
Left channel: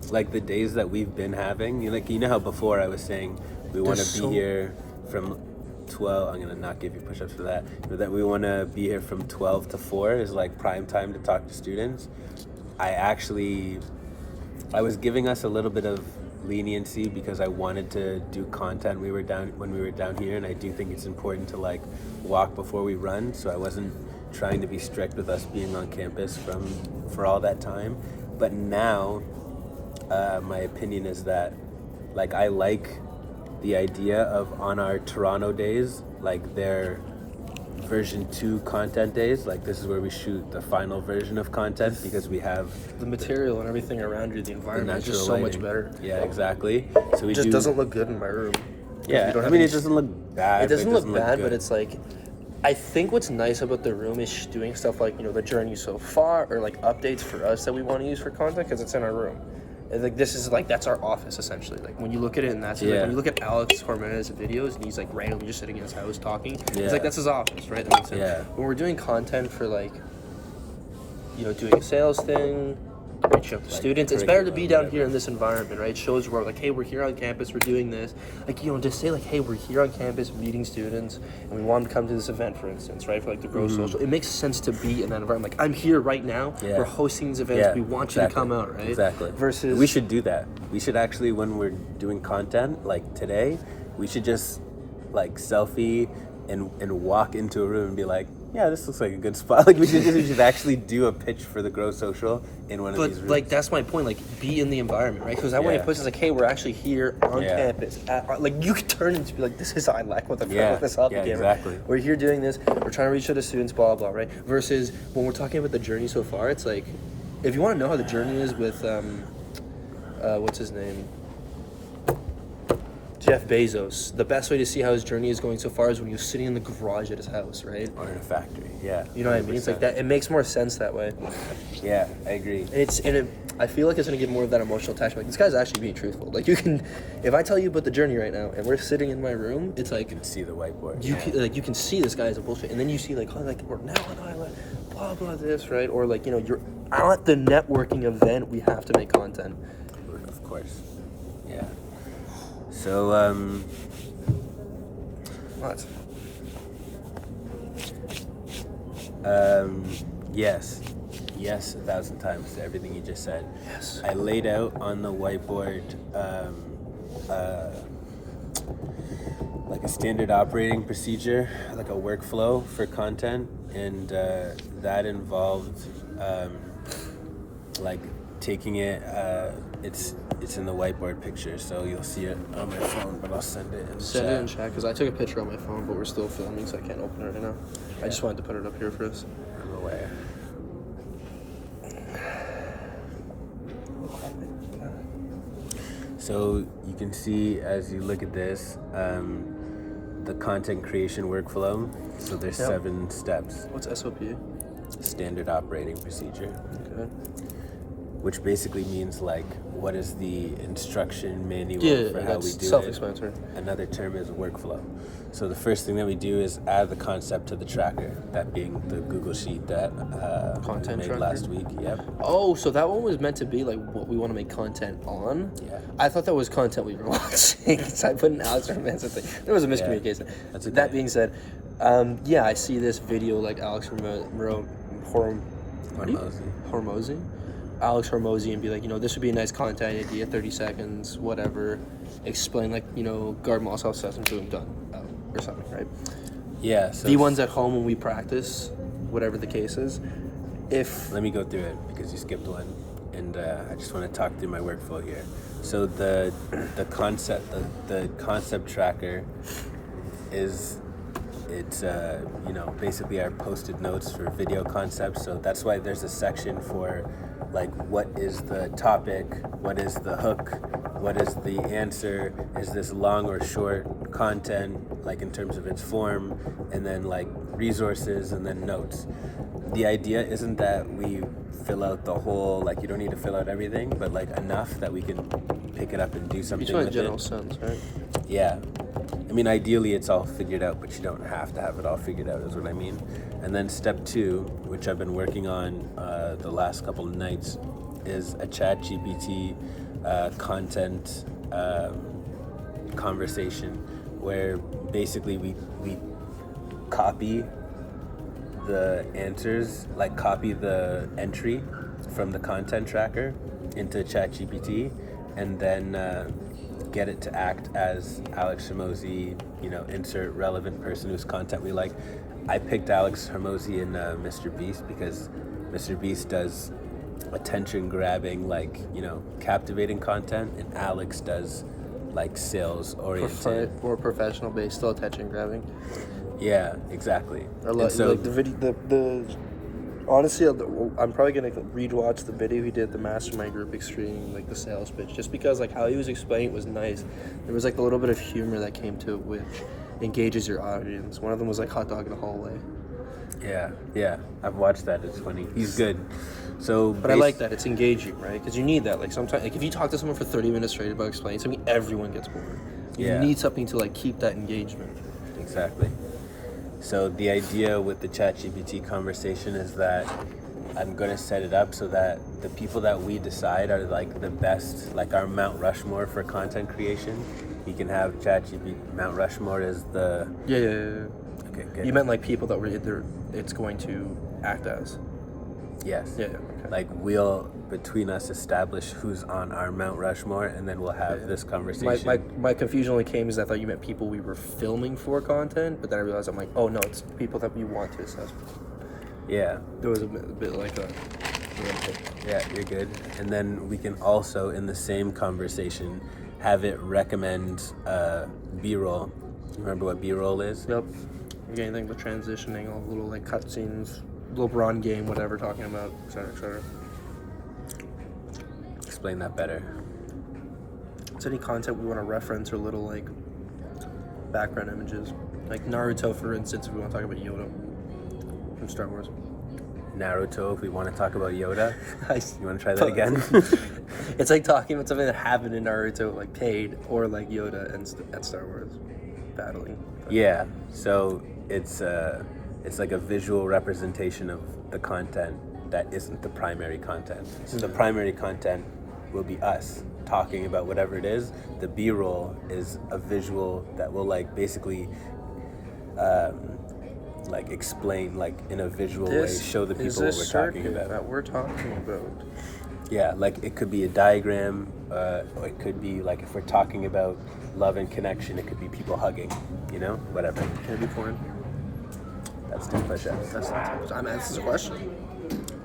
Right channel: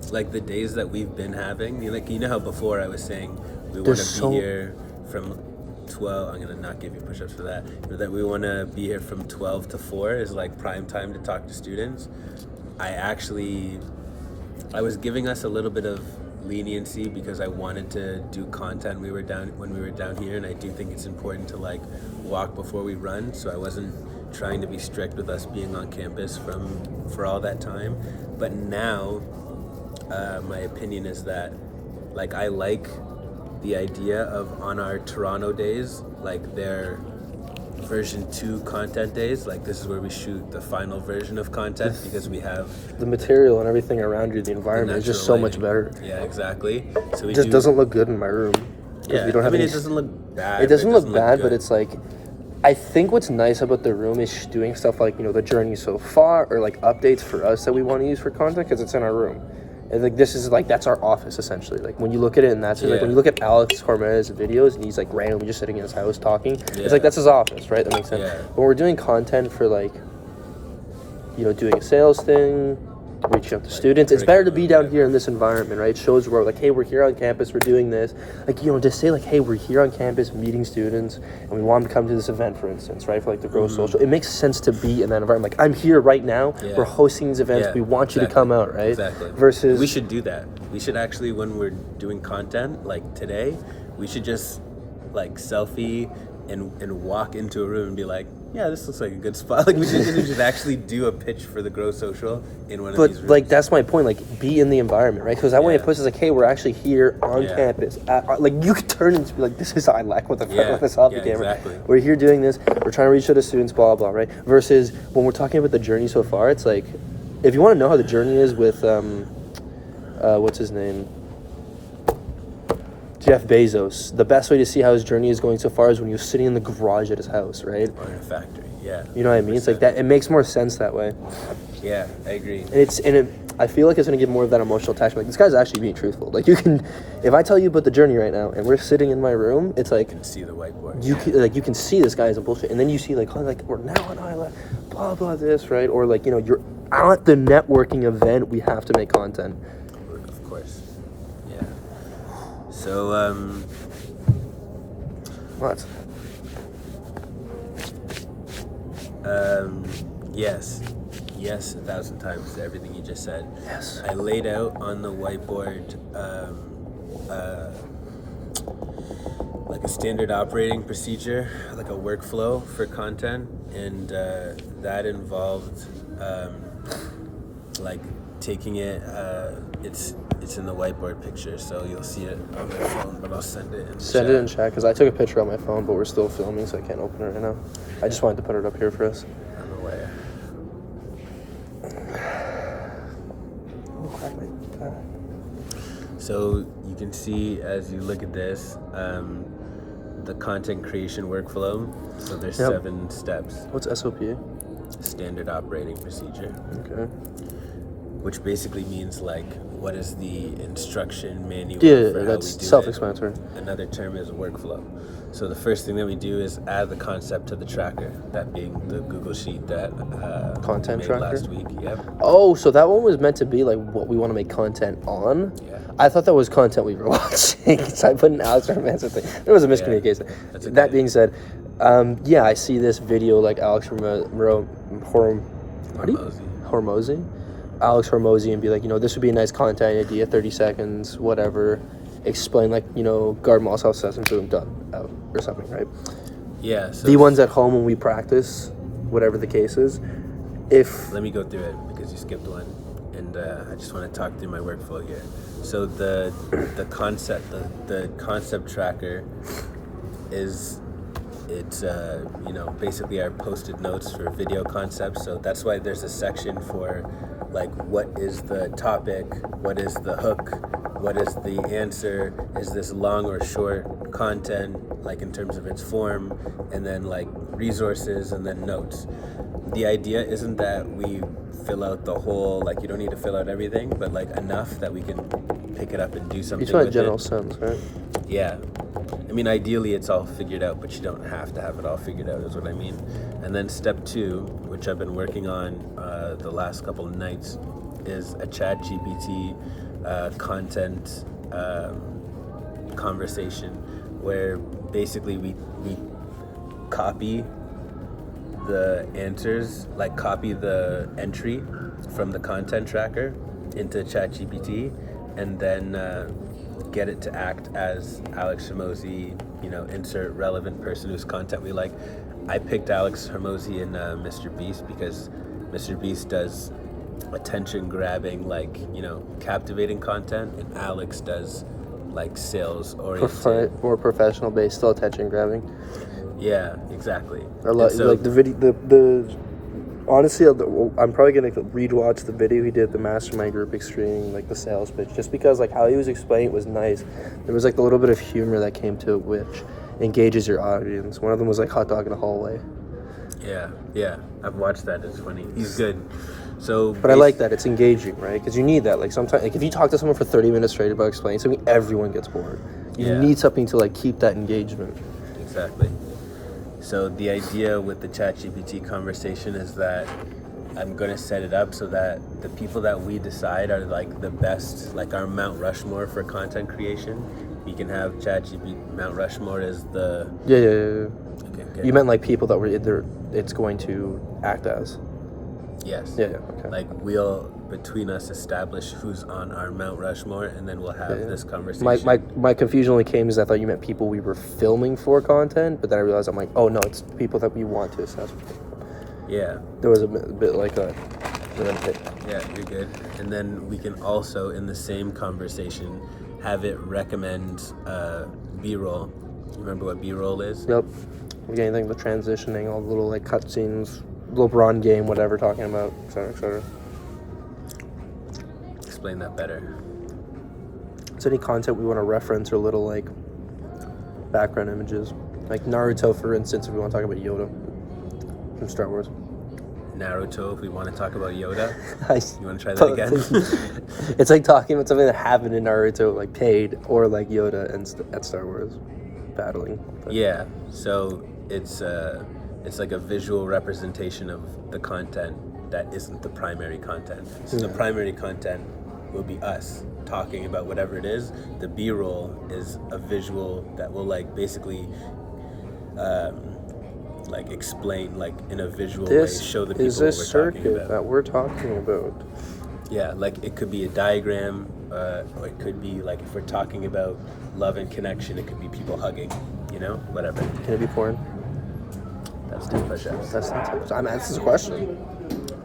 like, the days that we've been having, you know how before I was saying we want to be here from 12, I'm gonna not give you push-ups for that, but that we want to be here from 12 to 4 is like prime time to talk to students. I was giving us a little bit of leniency because I wanted to do content when we were down here, and I do think it's important to like walk before we run, so I wasn't trying to be strict with us being on campus for all that time. But now my opinion is that like I like the idea of on our Toronto days, like their version 2 content days, like this is where we shoot the final version of content because we have the material and everything around you, the environment is just so much better. Yeah, exactly. So it just doesn't look good in my room. Yeah, it doesn't look bad. It doesn't look bad, but it's like, I think what's nice about the room is doing stuff like, the journey so far, or like updates for us that we want to use for content because it's in our room. And like this is like that's our office essentially. Like when you look at it, and that's like when you look at Alex Hormez's videos, and he's like randomly just sitting in his house talking. Yeah. It's like that's his office, right? That makes sense. Yeah. When we're doing content for like, doing a sales thing, reaching out to students, it's better to be down here in this environment, right? It shows we're like, hey, we're here on campus, we're doing this. Like, just say like, hey, we're here on campus meeting students, and we want them to come to this event, for instance, right? For like the Grow Social. It makes sense to be in that environment. Like, I'm here right now, we're hosting these events, we want you to come out, right? Exactly. Versus... We should do that. We should actually, when we're doing content, like today, we should just like selfie and walk into a room and be like, yeah, this looks like a good spot. Like we should actually do a pitch for the Grow Social in one of these rooms. But like that's my point. Like be in the environment, right? Because I want to put like, hey, we're actually here on campus. Like you could turn and be like, this is I like what the this off the camera. Exactly. We're here doing this. We're trying to reach out to students, blah blah, right? Versus when we're talking about the journey so far, it's like, if you want to know how the journey is with what's his name? Jeff Bezos. The best way to see how his journey is going so far is when you're sitting in the garage at his house, right? Or in a factory, yeah. You know what I mean? It's like that. It makes more sense that way. Yeah, I agree. I feel like it's gonna give more of that emotional attachment. Like this guy's actually being truthful. Like you can, if I tell you about the journey right now, and we're sitting in my room, it's like you can see the whiteboard. You can see this guy is a bullshit, and then you see like we're now on island, blah blah this, right? Or like you're at the networking event. We have to make content. Of course. Yeah. So, What? Yes, 1,000 times to everything you just said. Yes. I laid out on the whiteboard like a standard operating procedure, like a workflow for content, and that involved like taking it. It's in the whiteboard picture, so you'll see it on my phone, but I'll send it in the Send chat. it in chat, because I took a picture on my phone, but we're still filming, so I can't open it right now. I just wanted to put it up here for us. I'm aware. So you can see as you look at this, the content creation workflow. So there's 7 steps. What's SOP? Standard operating procedure, Okay. which basically means like what is the instruction manual for how we that's do self-explanatory. it. Another term is workflow. So the first thing that we do is add the concept to the tracker, that being the Google Sheet that Content we made tracker? last week. Yep. Oh, so that one was meant to be like what we want to make content on? Yeah. I thought that was content we were watching, so I put an Alex Hermanson thing. There was a miscommunication. That's okay. That being said, I see this video like Alex Hormozy. Alex Hormozy, and be like, this would be a nice content idea, 30 seconds, whatever. Explain, like, guard Mosshouse says and boom, done, out, or something, right? Yeah. So The ones at home when we practice, whatever the case is, if... Let me go through it because you skipped one, and I just want to talk through my workflow here. So the concept tracker is basically our posted notes for video concepts. So that's why there's a section for like what is the topic, what is the hook, what is the answer, is this long or short content, like in terms of its form, and then like resources and then notes. The idea isn't that we fill out the whole, like you don't need to fill out everything, but like enough that we can pick it up and do something Each one with general it. sense, right? Yeah. I mean, ideally it's all figured out, but you don't have to have it all figured out, is what I mean. And then step 2, which I've been working on the last couple of nights, is a ChatGPT content conversation where basically we copy the answers, like copy the entry from the content tracker into ChatGPT, and then get it to act as Alex Hormozy, insert relevant person whose content we like. I picked Alex Hormozy in Mr. Beast because Mr. Beast does attention grabbing, like, captivating content, and Alex does like sales oriented, More professional based, still attention grabbing. Yeah, exactly. So like the video, honestly, I'm probably gonna rewatch the video he did, the mastermind group extreme, like the sales pitch, just because like how he was explaining it was nice. There was like a little bit of humor that came to it, which engages your audience. One of them was like hot dog in a hallway. Yeah, I've watched that. It's funny. He's good. So, But I like that. It's engaging, right? Because you need that. Like sometimes, like if you talk to someone for 30 minutes straight about explaining something, everyone gets bored. You need something to like keep that engagement. Exactly. So the idea with the ChatGPT conversation is that I'm going to set it up so that the people that we decide are like the best, like our Mount Rushmore for content creation. We can have ChatGPT. Mount Rushmore is the... Yeah. Okay, good. You meant like people that were it's going to act as. Yes. Yeah. Okay. Like we'll, between us, establish who's on our Mount Rushmore, and then we'll have this conversation. My confusion only came is I thought you meant people we were filming for content, but then I realized I'm like, oh no, it's people that we want to assess. Yeah. There was a bit like that. Yeah, you're good. And then we can also, in the same conversation, have it recommend B-roll. Remember what B-roll is? Yep. We're getting anything with transitioning, all the little like cutscenes, LeBron game, whatever, talking about, etc. Explain that better. It's any content we want to reference or little like background images. Like Naruto, for instance, if we want to talk about Yoda from Star Wars. Naruto, if we want to talk about Yoda. You want to try that that again? It's like talking about something that happened in Naruto, like paid, or like Yoda and at Star Wars battling. Yeah, so it's like a visual representation of the content that isn't the primary content. So the primary content will be us talking about whatever it is. The B-roll is a visual that will like basically like explain like in a visual way, show the people what we're talking about. That we're talking about. Yeah, like it could be a diagram, or it could be like if we're talking about love and connection, it could be people hugging, you know, whatever. Can it be porn? That's 10 push-ups. That's the question.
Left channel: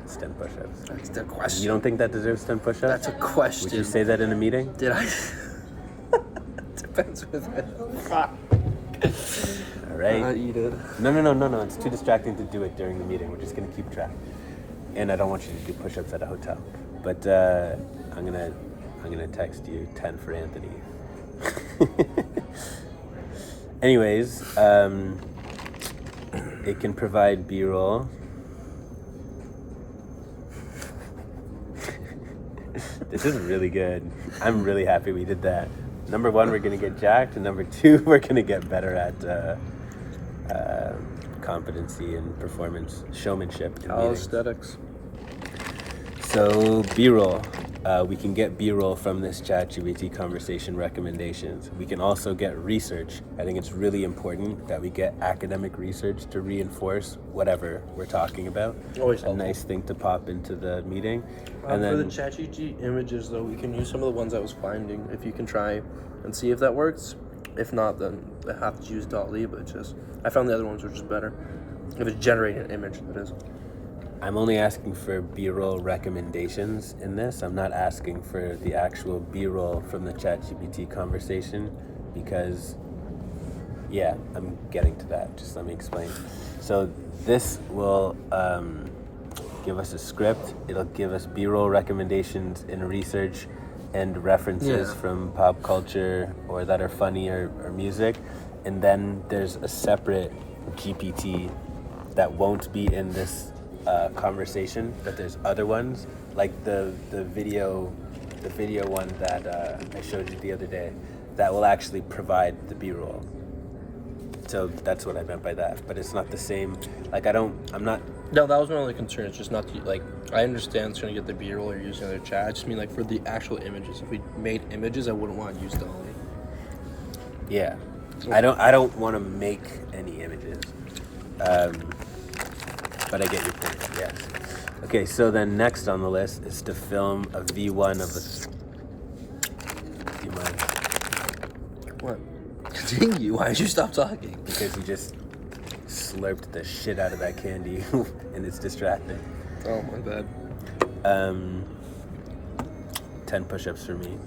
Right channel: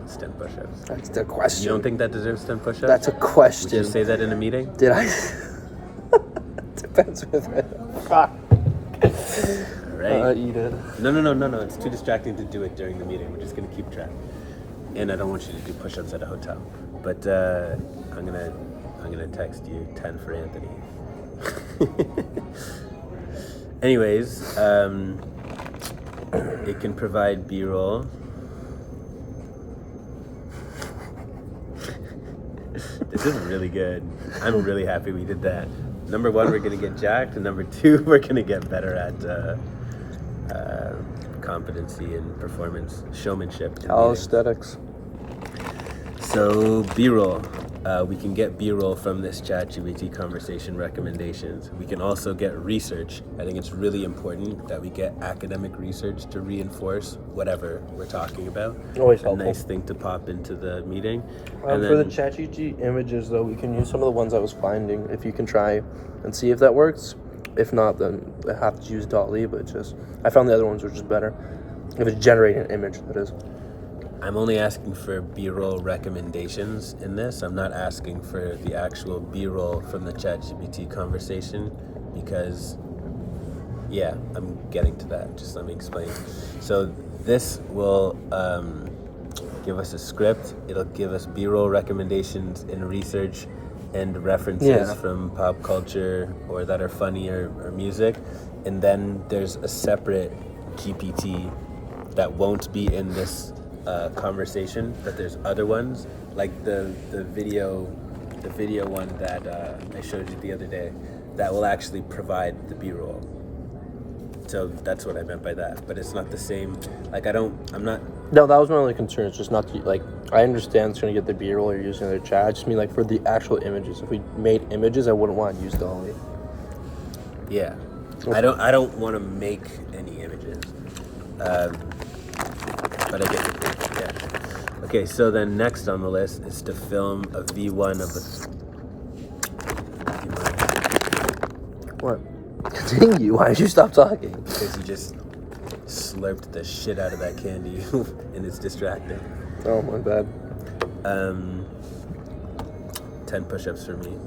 It's 10 push-ups. That's the question. You don't think that deserves 10 push-ups? That's a question. Would you say that in a meeting? Did I? Depends with it. Fuck. All right. Eat it. No. It's too distracting to do it during the meeting. We're just gonna keep track. And I don't want you to do push-ups at a hotel. But I'm gonna text you 10 for Anthony. Anyways, it can provide B-roll. This is really good. I'm really happy we did that. Number one, we're gonna get jacked, and number two, we're gonna get better at competency and performance, showmanship. in All meetings. aesthetics. So B-roll, we can get B-roll from this ChatGPT conversation recommendations. We can also get research. I think it's really important that we get academic research to reinforce whatever we're talking about. Always a helpful. nice thing to pop into the meeting. And For the then ChatGPT images, though, we can use some of the ones I was finding. If you can try and see if that works. If not, then I have to use DALL-E. But I found the other ones were just better. If it's generating an image, that is. I'm only asking for B-roll recommendations in this. I'm not asking for the actual B-roll from the ChatGPT conversation because, yeah, I'm getting to that. Just let me explain. So this will give us a script. It'll give us B-roll recommendations in research and references from pop culture or that are funny or music. And then there's a separate GPT that won't be in this conversation, but there's other ones like the video one that I showed you the other day that will actually provide the B-roll. So that's what I meant by that, but it's not the same. Like I'm not. No, that was my only concern. It's just not like I understand it's gonna get the B-roll or using their chat. I just mean like for the actual images. If we made images, I wouldn't want to use DALL-E. Yeah, I don't want to make any images. But I get your point, yes. Okay, so then next on the list is to film a V1 of a... Do you mind? What? Continue. Why did you stop talking? Because you just slurped the shit out of that candy and it's distracting. Oh, my bad. 10 push-ups for me,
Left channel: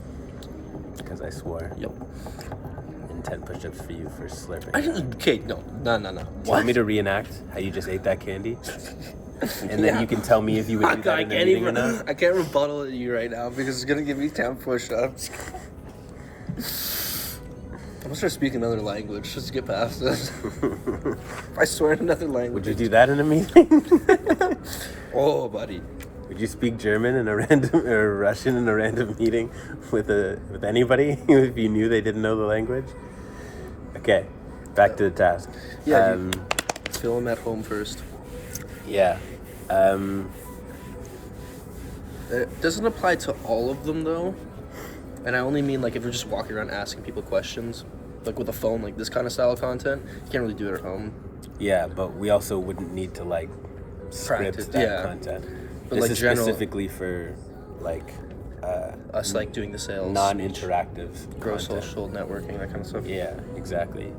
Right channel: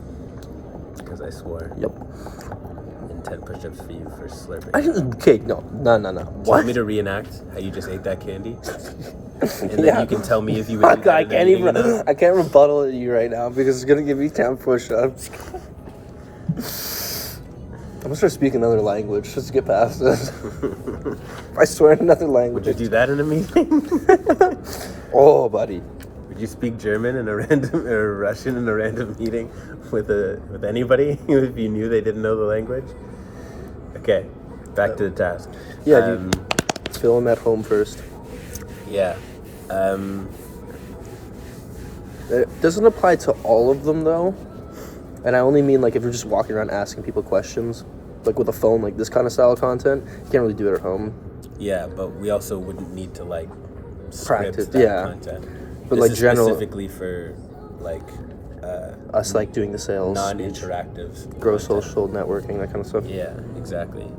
because I swore. Yep. And 10 push-ups for you for slurping. Okay, no. Do you want me to reenact how you just ate that candy? And then you can tell me if you would do that in a meeting or not? I can't rebuttal at you right now because it's gonna give me 10 push-ups. I'm gonna start speaking another language just to get past this. I swear in another language. Would you do that in a meeting? Oh, buddy. Would you speak German in a random or Russian in a random meeting with anybody if you knew they didn't know the language? Okay, back to the task. Yeah, film at home first. Yeah. It doesn't apply to all of them though, and I only mean like if you're just walking around asking people questions, like with a phone, like this kind of style of content, you can't really do it at home. Yeah, but we also wouldn't need to like script Practice, that content. But this like is general, specifically for like us like doing the sales, non-interactive, grow content. social networking, that kind of stuff. Yeah, exactly.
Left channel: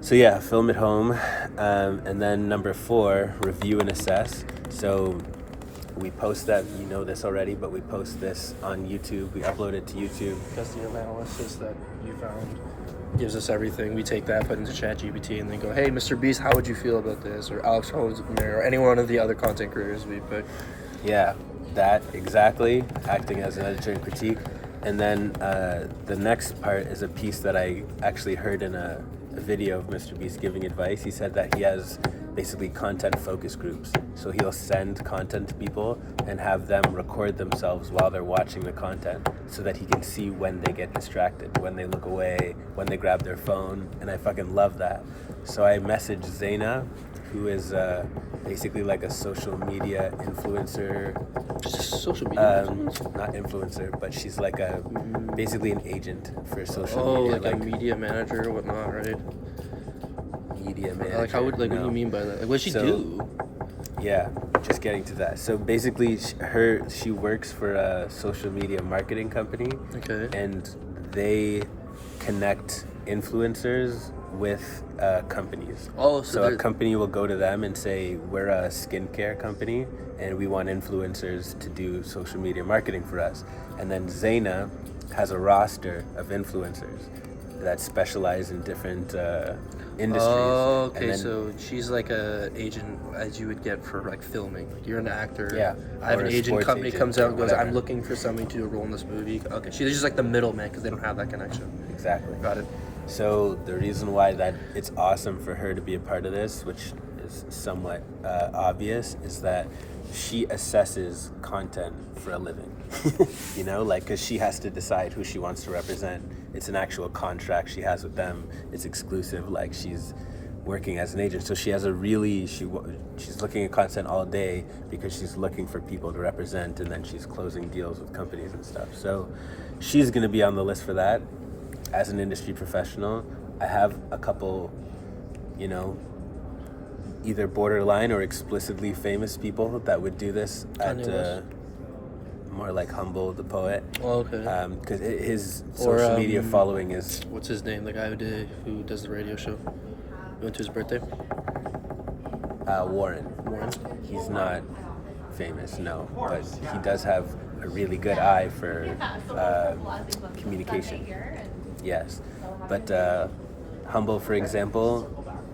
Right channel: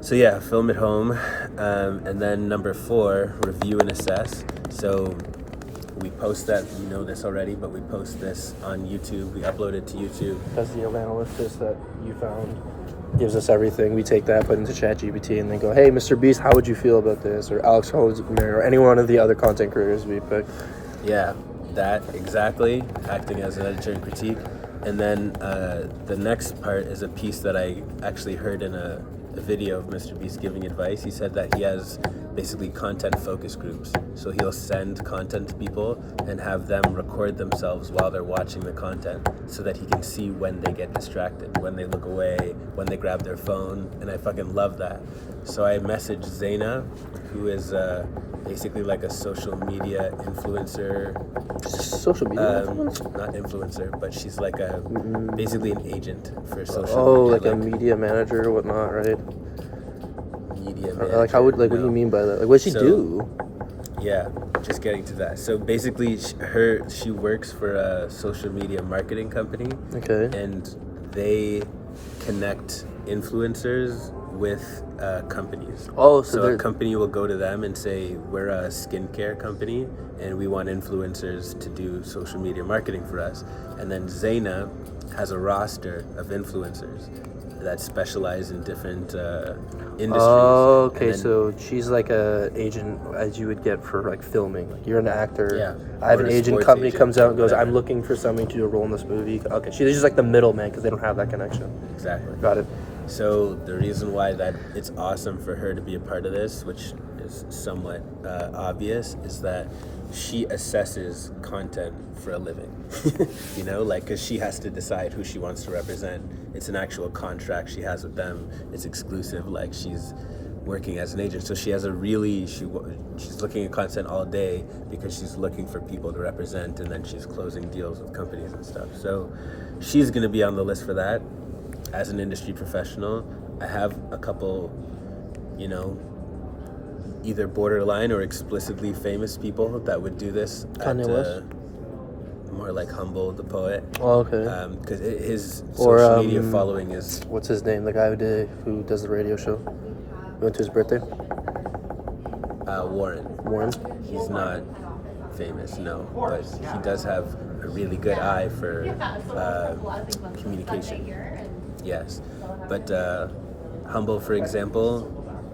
So yeah, film at home, and then number 4, review and assess. So we post that, you know this already, but we post this on YouTube. We upload it to YouTube. That's the analysis that you found. Gives us everything. We take that, put it into ChatGPT, and then go, hey, Mr. Beast, how would you feel about this? Or Alex Holmes, or any one of the other content creators we pick. Yeah, that exactly, acting as an editor and critique. And then the next part is a piece that I actually heard in a video of Mr. Beast giving advice. He said that he has basically content focus groups. So he'll send content to people and have them record themselves while they're watching the content so that he can see when they get distracted, when they look away, when they grab their phone. And I fucking love that. So I messaged Zaina, who is basically like a social media influencer. Social media influencer? Not influencer, but she's like basically an agent for social media. Oh, like a media manager or whatnot, right? media manager. Like, how would, like, what do you mean by that? Like, what she do? Yeah, just getting to that. So basically, she works for a social media marketing company. Okay. And they connect influencers with companies. Oh, so a company will go to them and say, we're a skincare company and we want influencers to do social media marketing for us. And then Zaina has a roster of influencers that specialize in different industries. Oh, okay. So she's like a agent as you would get for like filming. You're an actor. Yeah. I have Or an a agent. sports Company agent comes out or and goes, whatever. I'm looking for somebody to do a role in this movie. Okay. She's just like the middleman because they don't have that connection. Exactly. Got it. So the reason why that it's awesome for her to be a part of this, which is somewhat obvious, is that she assesses content for a living. You know, like, because she has to decide who she wants to represent. It's an actual contract she has with them. It's exclusive. Like, she's working as an agent, so she has a really she's looking at content all day because she's looking for people to represent, and then she's closing deals with companies and stuff. So she's going to be on the list for that. As an industry professional, I have a couple, you know, either borderline or explicitly famous people that would do this. Kanye West? More like Humble the Poet. Oh, okay. Because his Or, social media following is... What's his name? The guy who does the radio show. You went to his birthday? Warren. Warren? He's not famous, no, but he does have a really good eye for communication. Yes, but Humble, for example,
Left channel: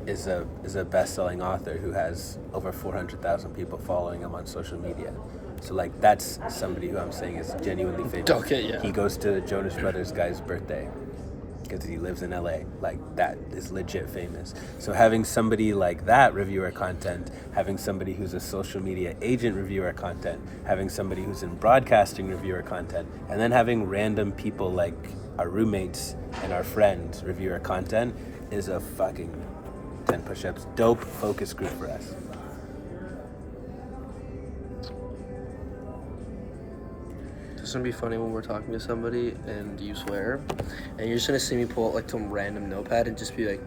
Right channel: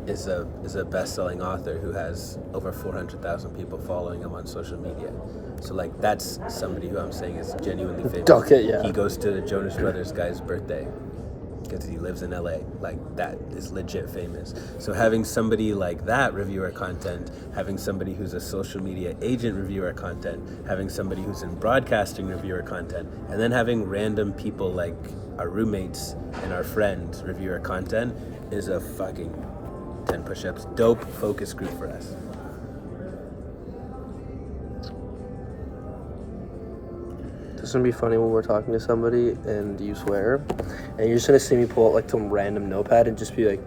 is a best-selling author who has over 400,000 people following him on social media. So, like, that's somebody who I'm saying is genuinely famous. Okay, yeah. He goes to the Jonas Brothers guy's birthday because he lives in LA. Like, that is legit famous. So having somebody like that review our content, having somebody who's a social media agent review our content, having somebody who's in broadcasting review our content, and then having random people like our roommates and our friends review our content is a fucking 10 push-ups dope focus group for us. It's gonna be funny when we're talking to somebody and you swear, and you're just gonna see me pull out like some random notepad and just be like,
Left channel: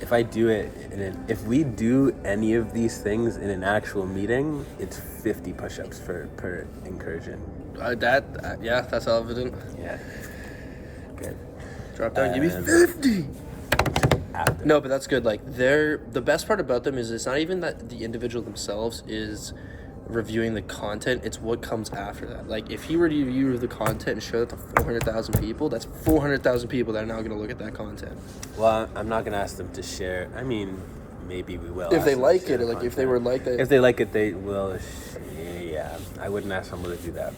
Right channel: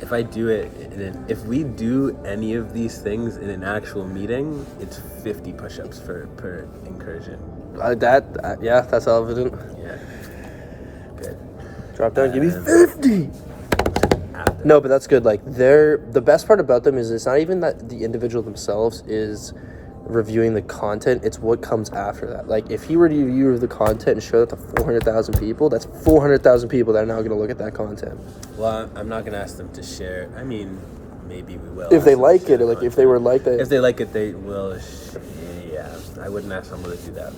If I do it, if we do any of these things in an actual meeting, it's 50 push-ups per incursion. yeah, that's evident. Yeah. Good. Drop down, give me 50. After. No, but that's good. Like, the best part about them is it's not even that the individual themselves is reviewing the content, it's what comes after that. Like, if he were to review the content and show that to 400,000 people, that's 400,000 people that are now going to look at that content. Well, I'm not going to ask them to share. I mean, maybe we will. If ask they them to like share it, like, if content. they were like that. If they like it, they will. Yeah, I wouldn't ask someone to do that.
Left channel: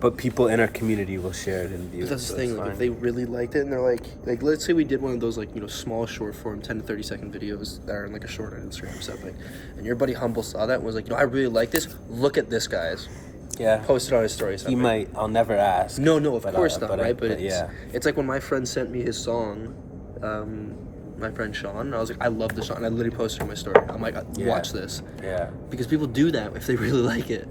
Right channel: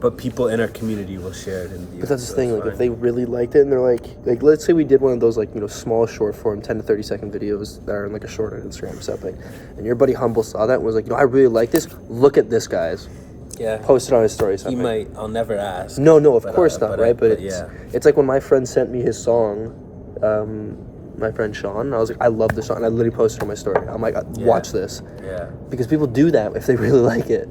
But people in our community will share it and view it. But that's so the thing, it's like, if fine. they really liked it and they're like, let's say we did one of those, like, you know, small short form 10 to 30 second videos that are like a short on Instagram or something, and your buddy Humble saw that and was like, you know, I really like this, look at this, guys. Yeah. Post it on his story. He might. I'll never ask. No, of but, course not, right? But yeah. it's like when my friend sent me his song, my friend Sean, I was like, I love this song, and I literally posted it on my story. I'm like, watch this. Yeah. Because people do that if they really like it.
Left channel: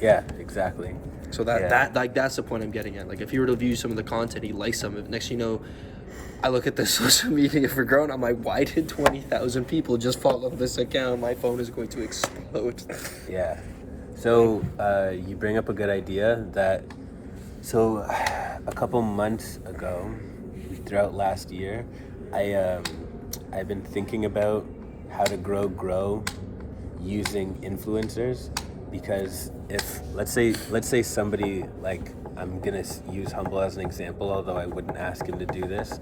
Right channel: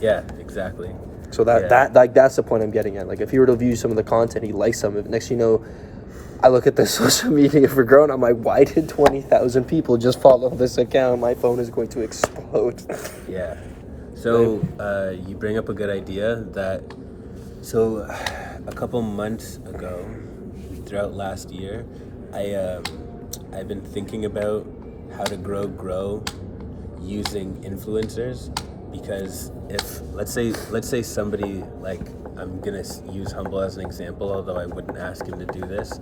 Yeah. Exactly. So that's the point I'm getting at. Like, if you were to view some of the content, he likes some of it. Next you know, I look at the social media for growing, I'm like, why did 20,000 people just follow this account? My phone is going to explode. Yeah. So you bring up a good idea so a couple months ago, throughout last year, I've been thinking about how to grow using influencers, because if let's say somebody, like, I'm gonna use Humble as an example, although I wouldn't ask him to do this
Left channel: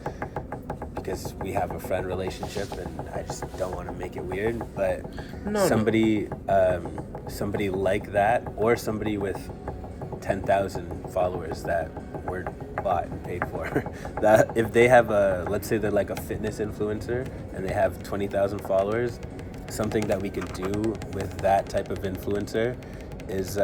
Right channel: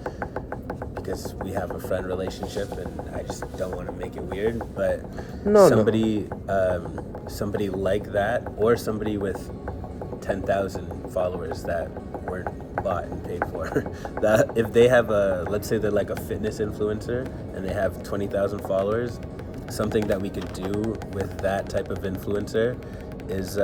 because we have a friend relationship and I just don't want to make it weird, but somebody like that, or somebody with 10,000 followers that weren't bought and paid for, that if they have let's say they're like a fitness influencer and they have 20,000 followers, something that we could do with that type of influencer is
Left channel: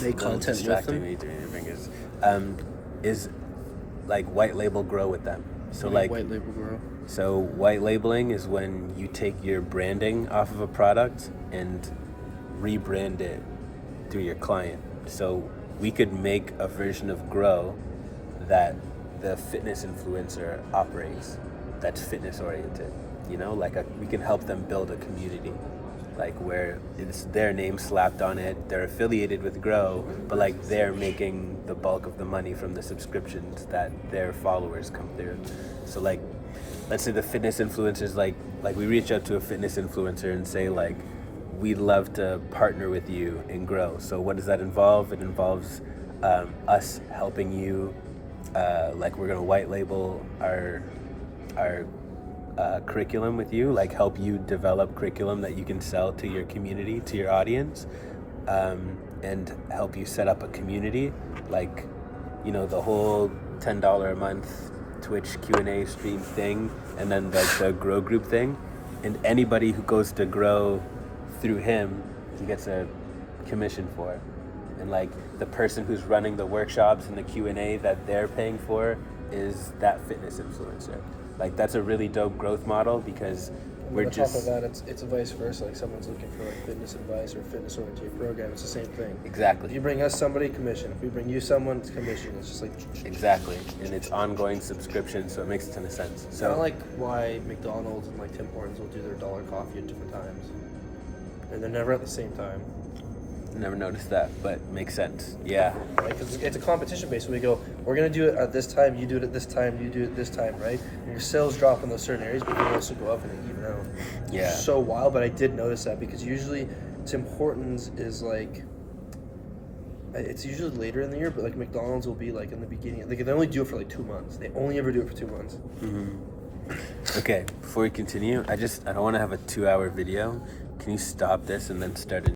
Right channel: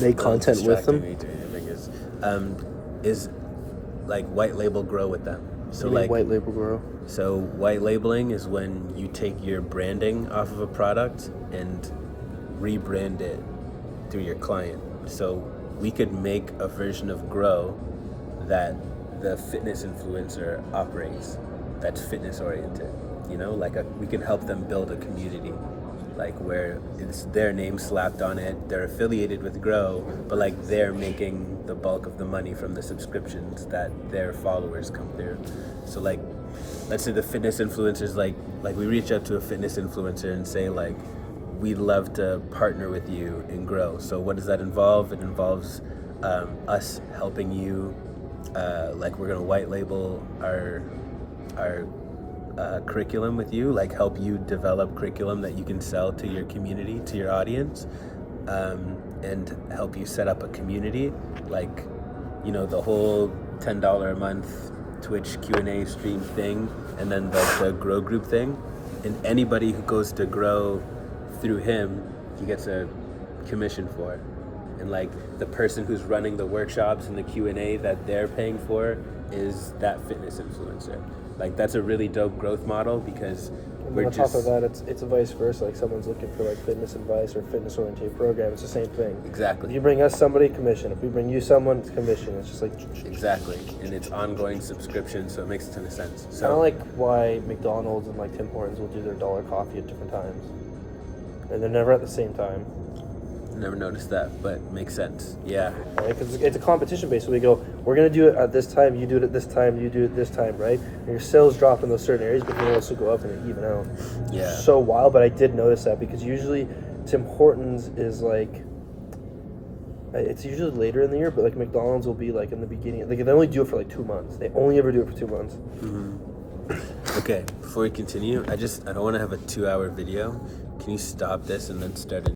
Make content with them. Is like white label grow with them. So like white label grow. So white labeling is when you take your branding off of a product and rebrand it through your client. So we could make a version of Grow that the fitness influencer operates, that's fitness oriented. You know, like we can help them build a community, like where it's their name slapped on it, they're affiliated with Grow, but like they're making the bulk of the money from the subscriptions that their followers come through. So like, let's say the fitness influencers, like we reach out to a fitness influencer and say like, we'd love to partner with you and Grow. So what does that involve? It involves us helping you, like we're gonna white label our curriculum with you, like help you develop curriculum that you can sell to your community, to your audience, and help you set up a community, like, you know, the whole $10 a month Twitch Q&A stream thing, and then like the Grow group thing, and anybody who goes to Grow through him, he gets a commission for it. And like the person who's running the workshops and the Q&A that they're paying for is that fitness influencer. Like that's a really dope growth model, because we're on just... top of that, it's vice versa. Like someone's looking for like fitness advice or fitness oriented program, it's the same thing. Exactly. If you bring us somebody, commission. If we bring you someone, it's commission. It's just like... Exactly. And it's ongoing subscription, so it makes a ton of sense. I So don't like why McDonald's and like Tim Hortons will do their dollar coffee at different times. And they're never at the same time. never noticed that, but makes sense. Yeah. Right? Because it's a competition base. So we go, we're going to do it at this time, you do it at this time, you do it this time, right? And your sales drop in those certain areas, but they also go up and they even out. Yeah. It's so wild, but I did notice that because usually Tim Hortons is like, it's usually later in the year, but like McDonald's will be like in the beginning. Like they only do it for like 2 months. They only ever do it for 2 months. Mm-hmm. Okay, before we continue, I don't want to have a 2-hour video. Can you stop this and then start it?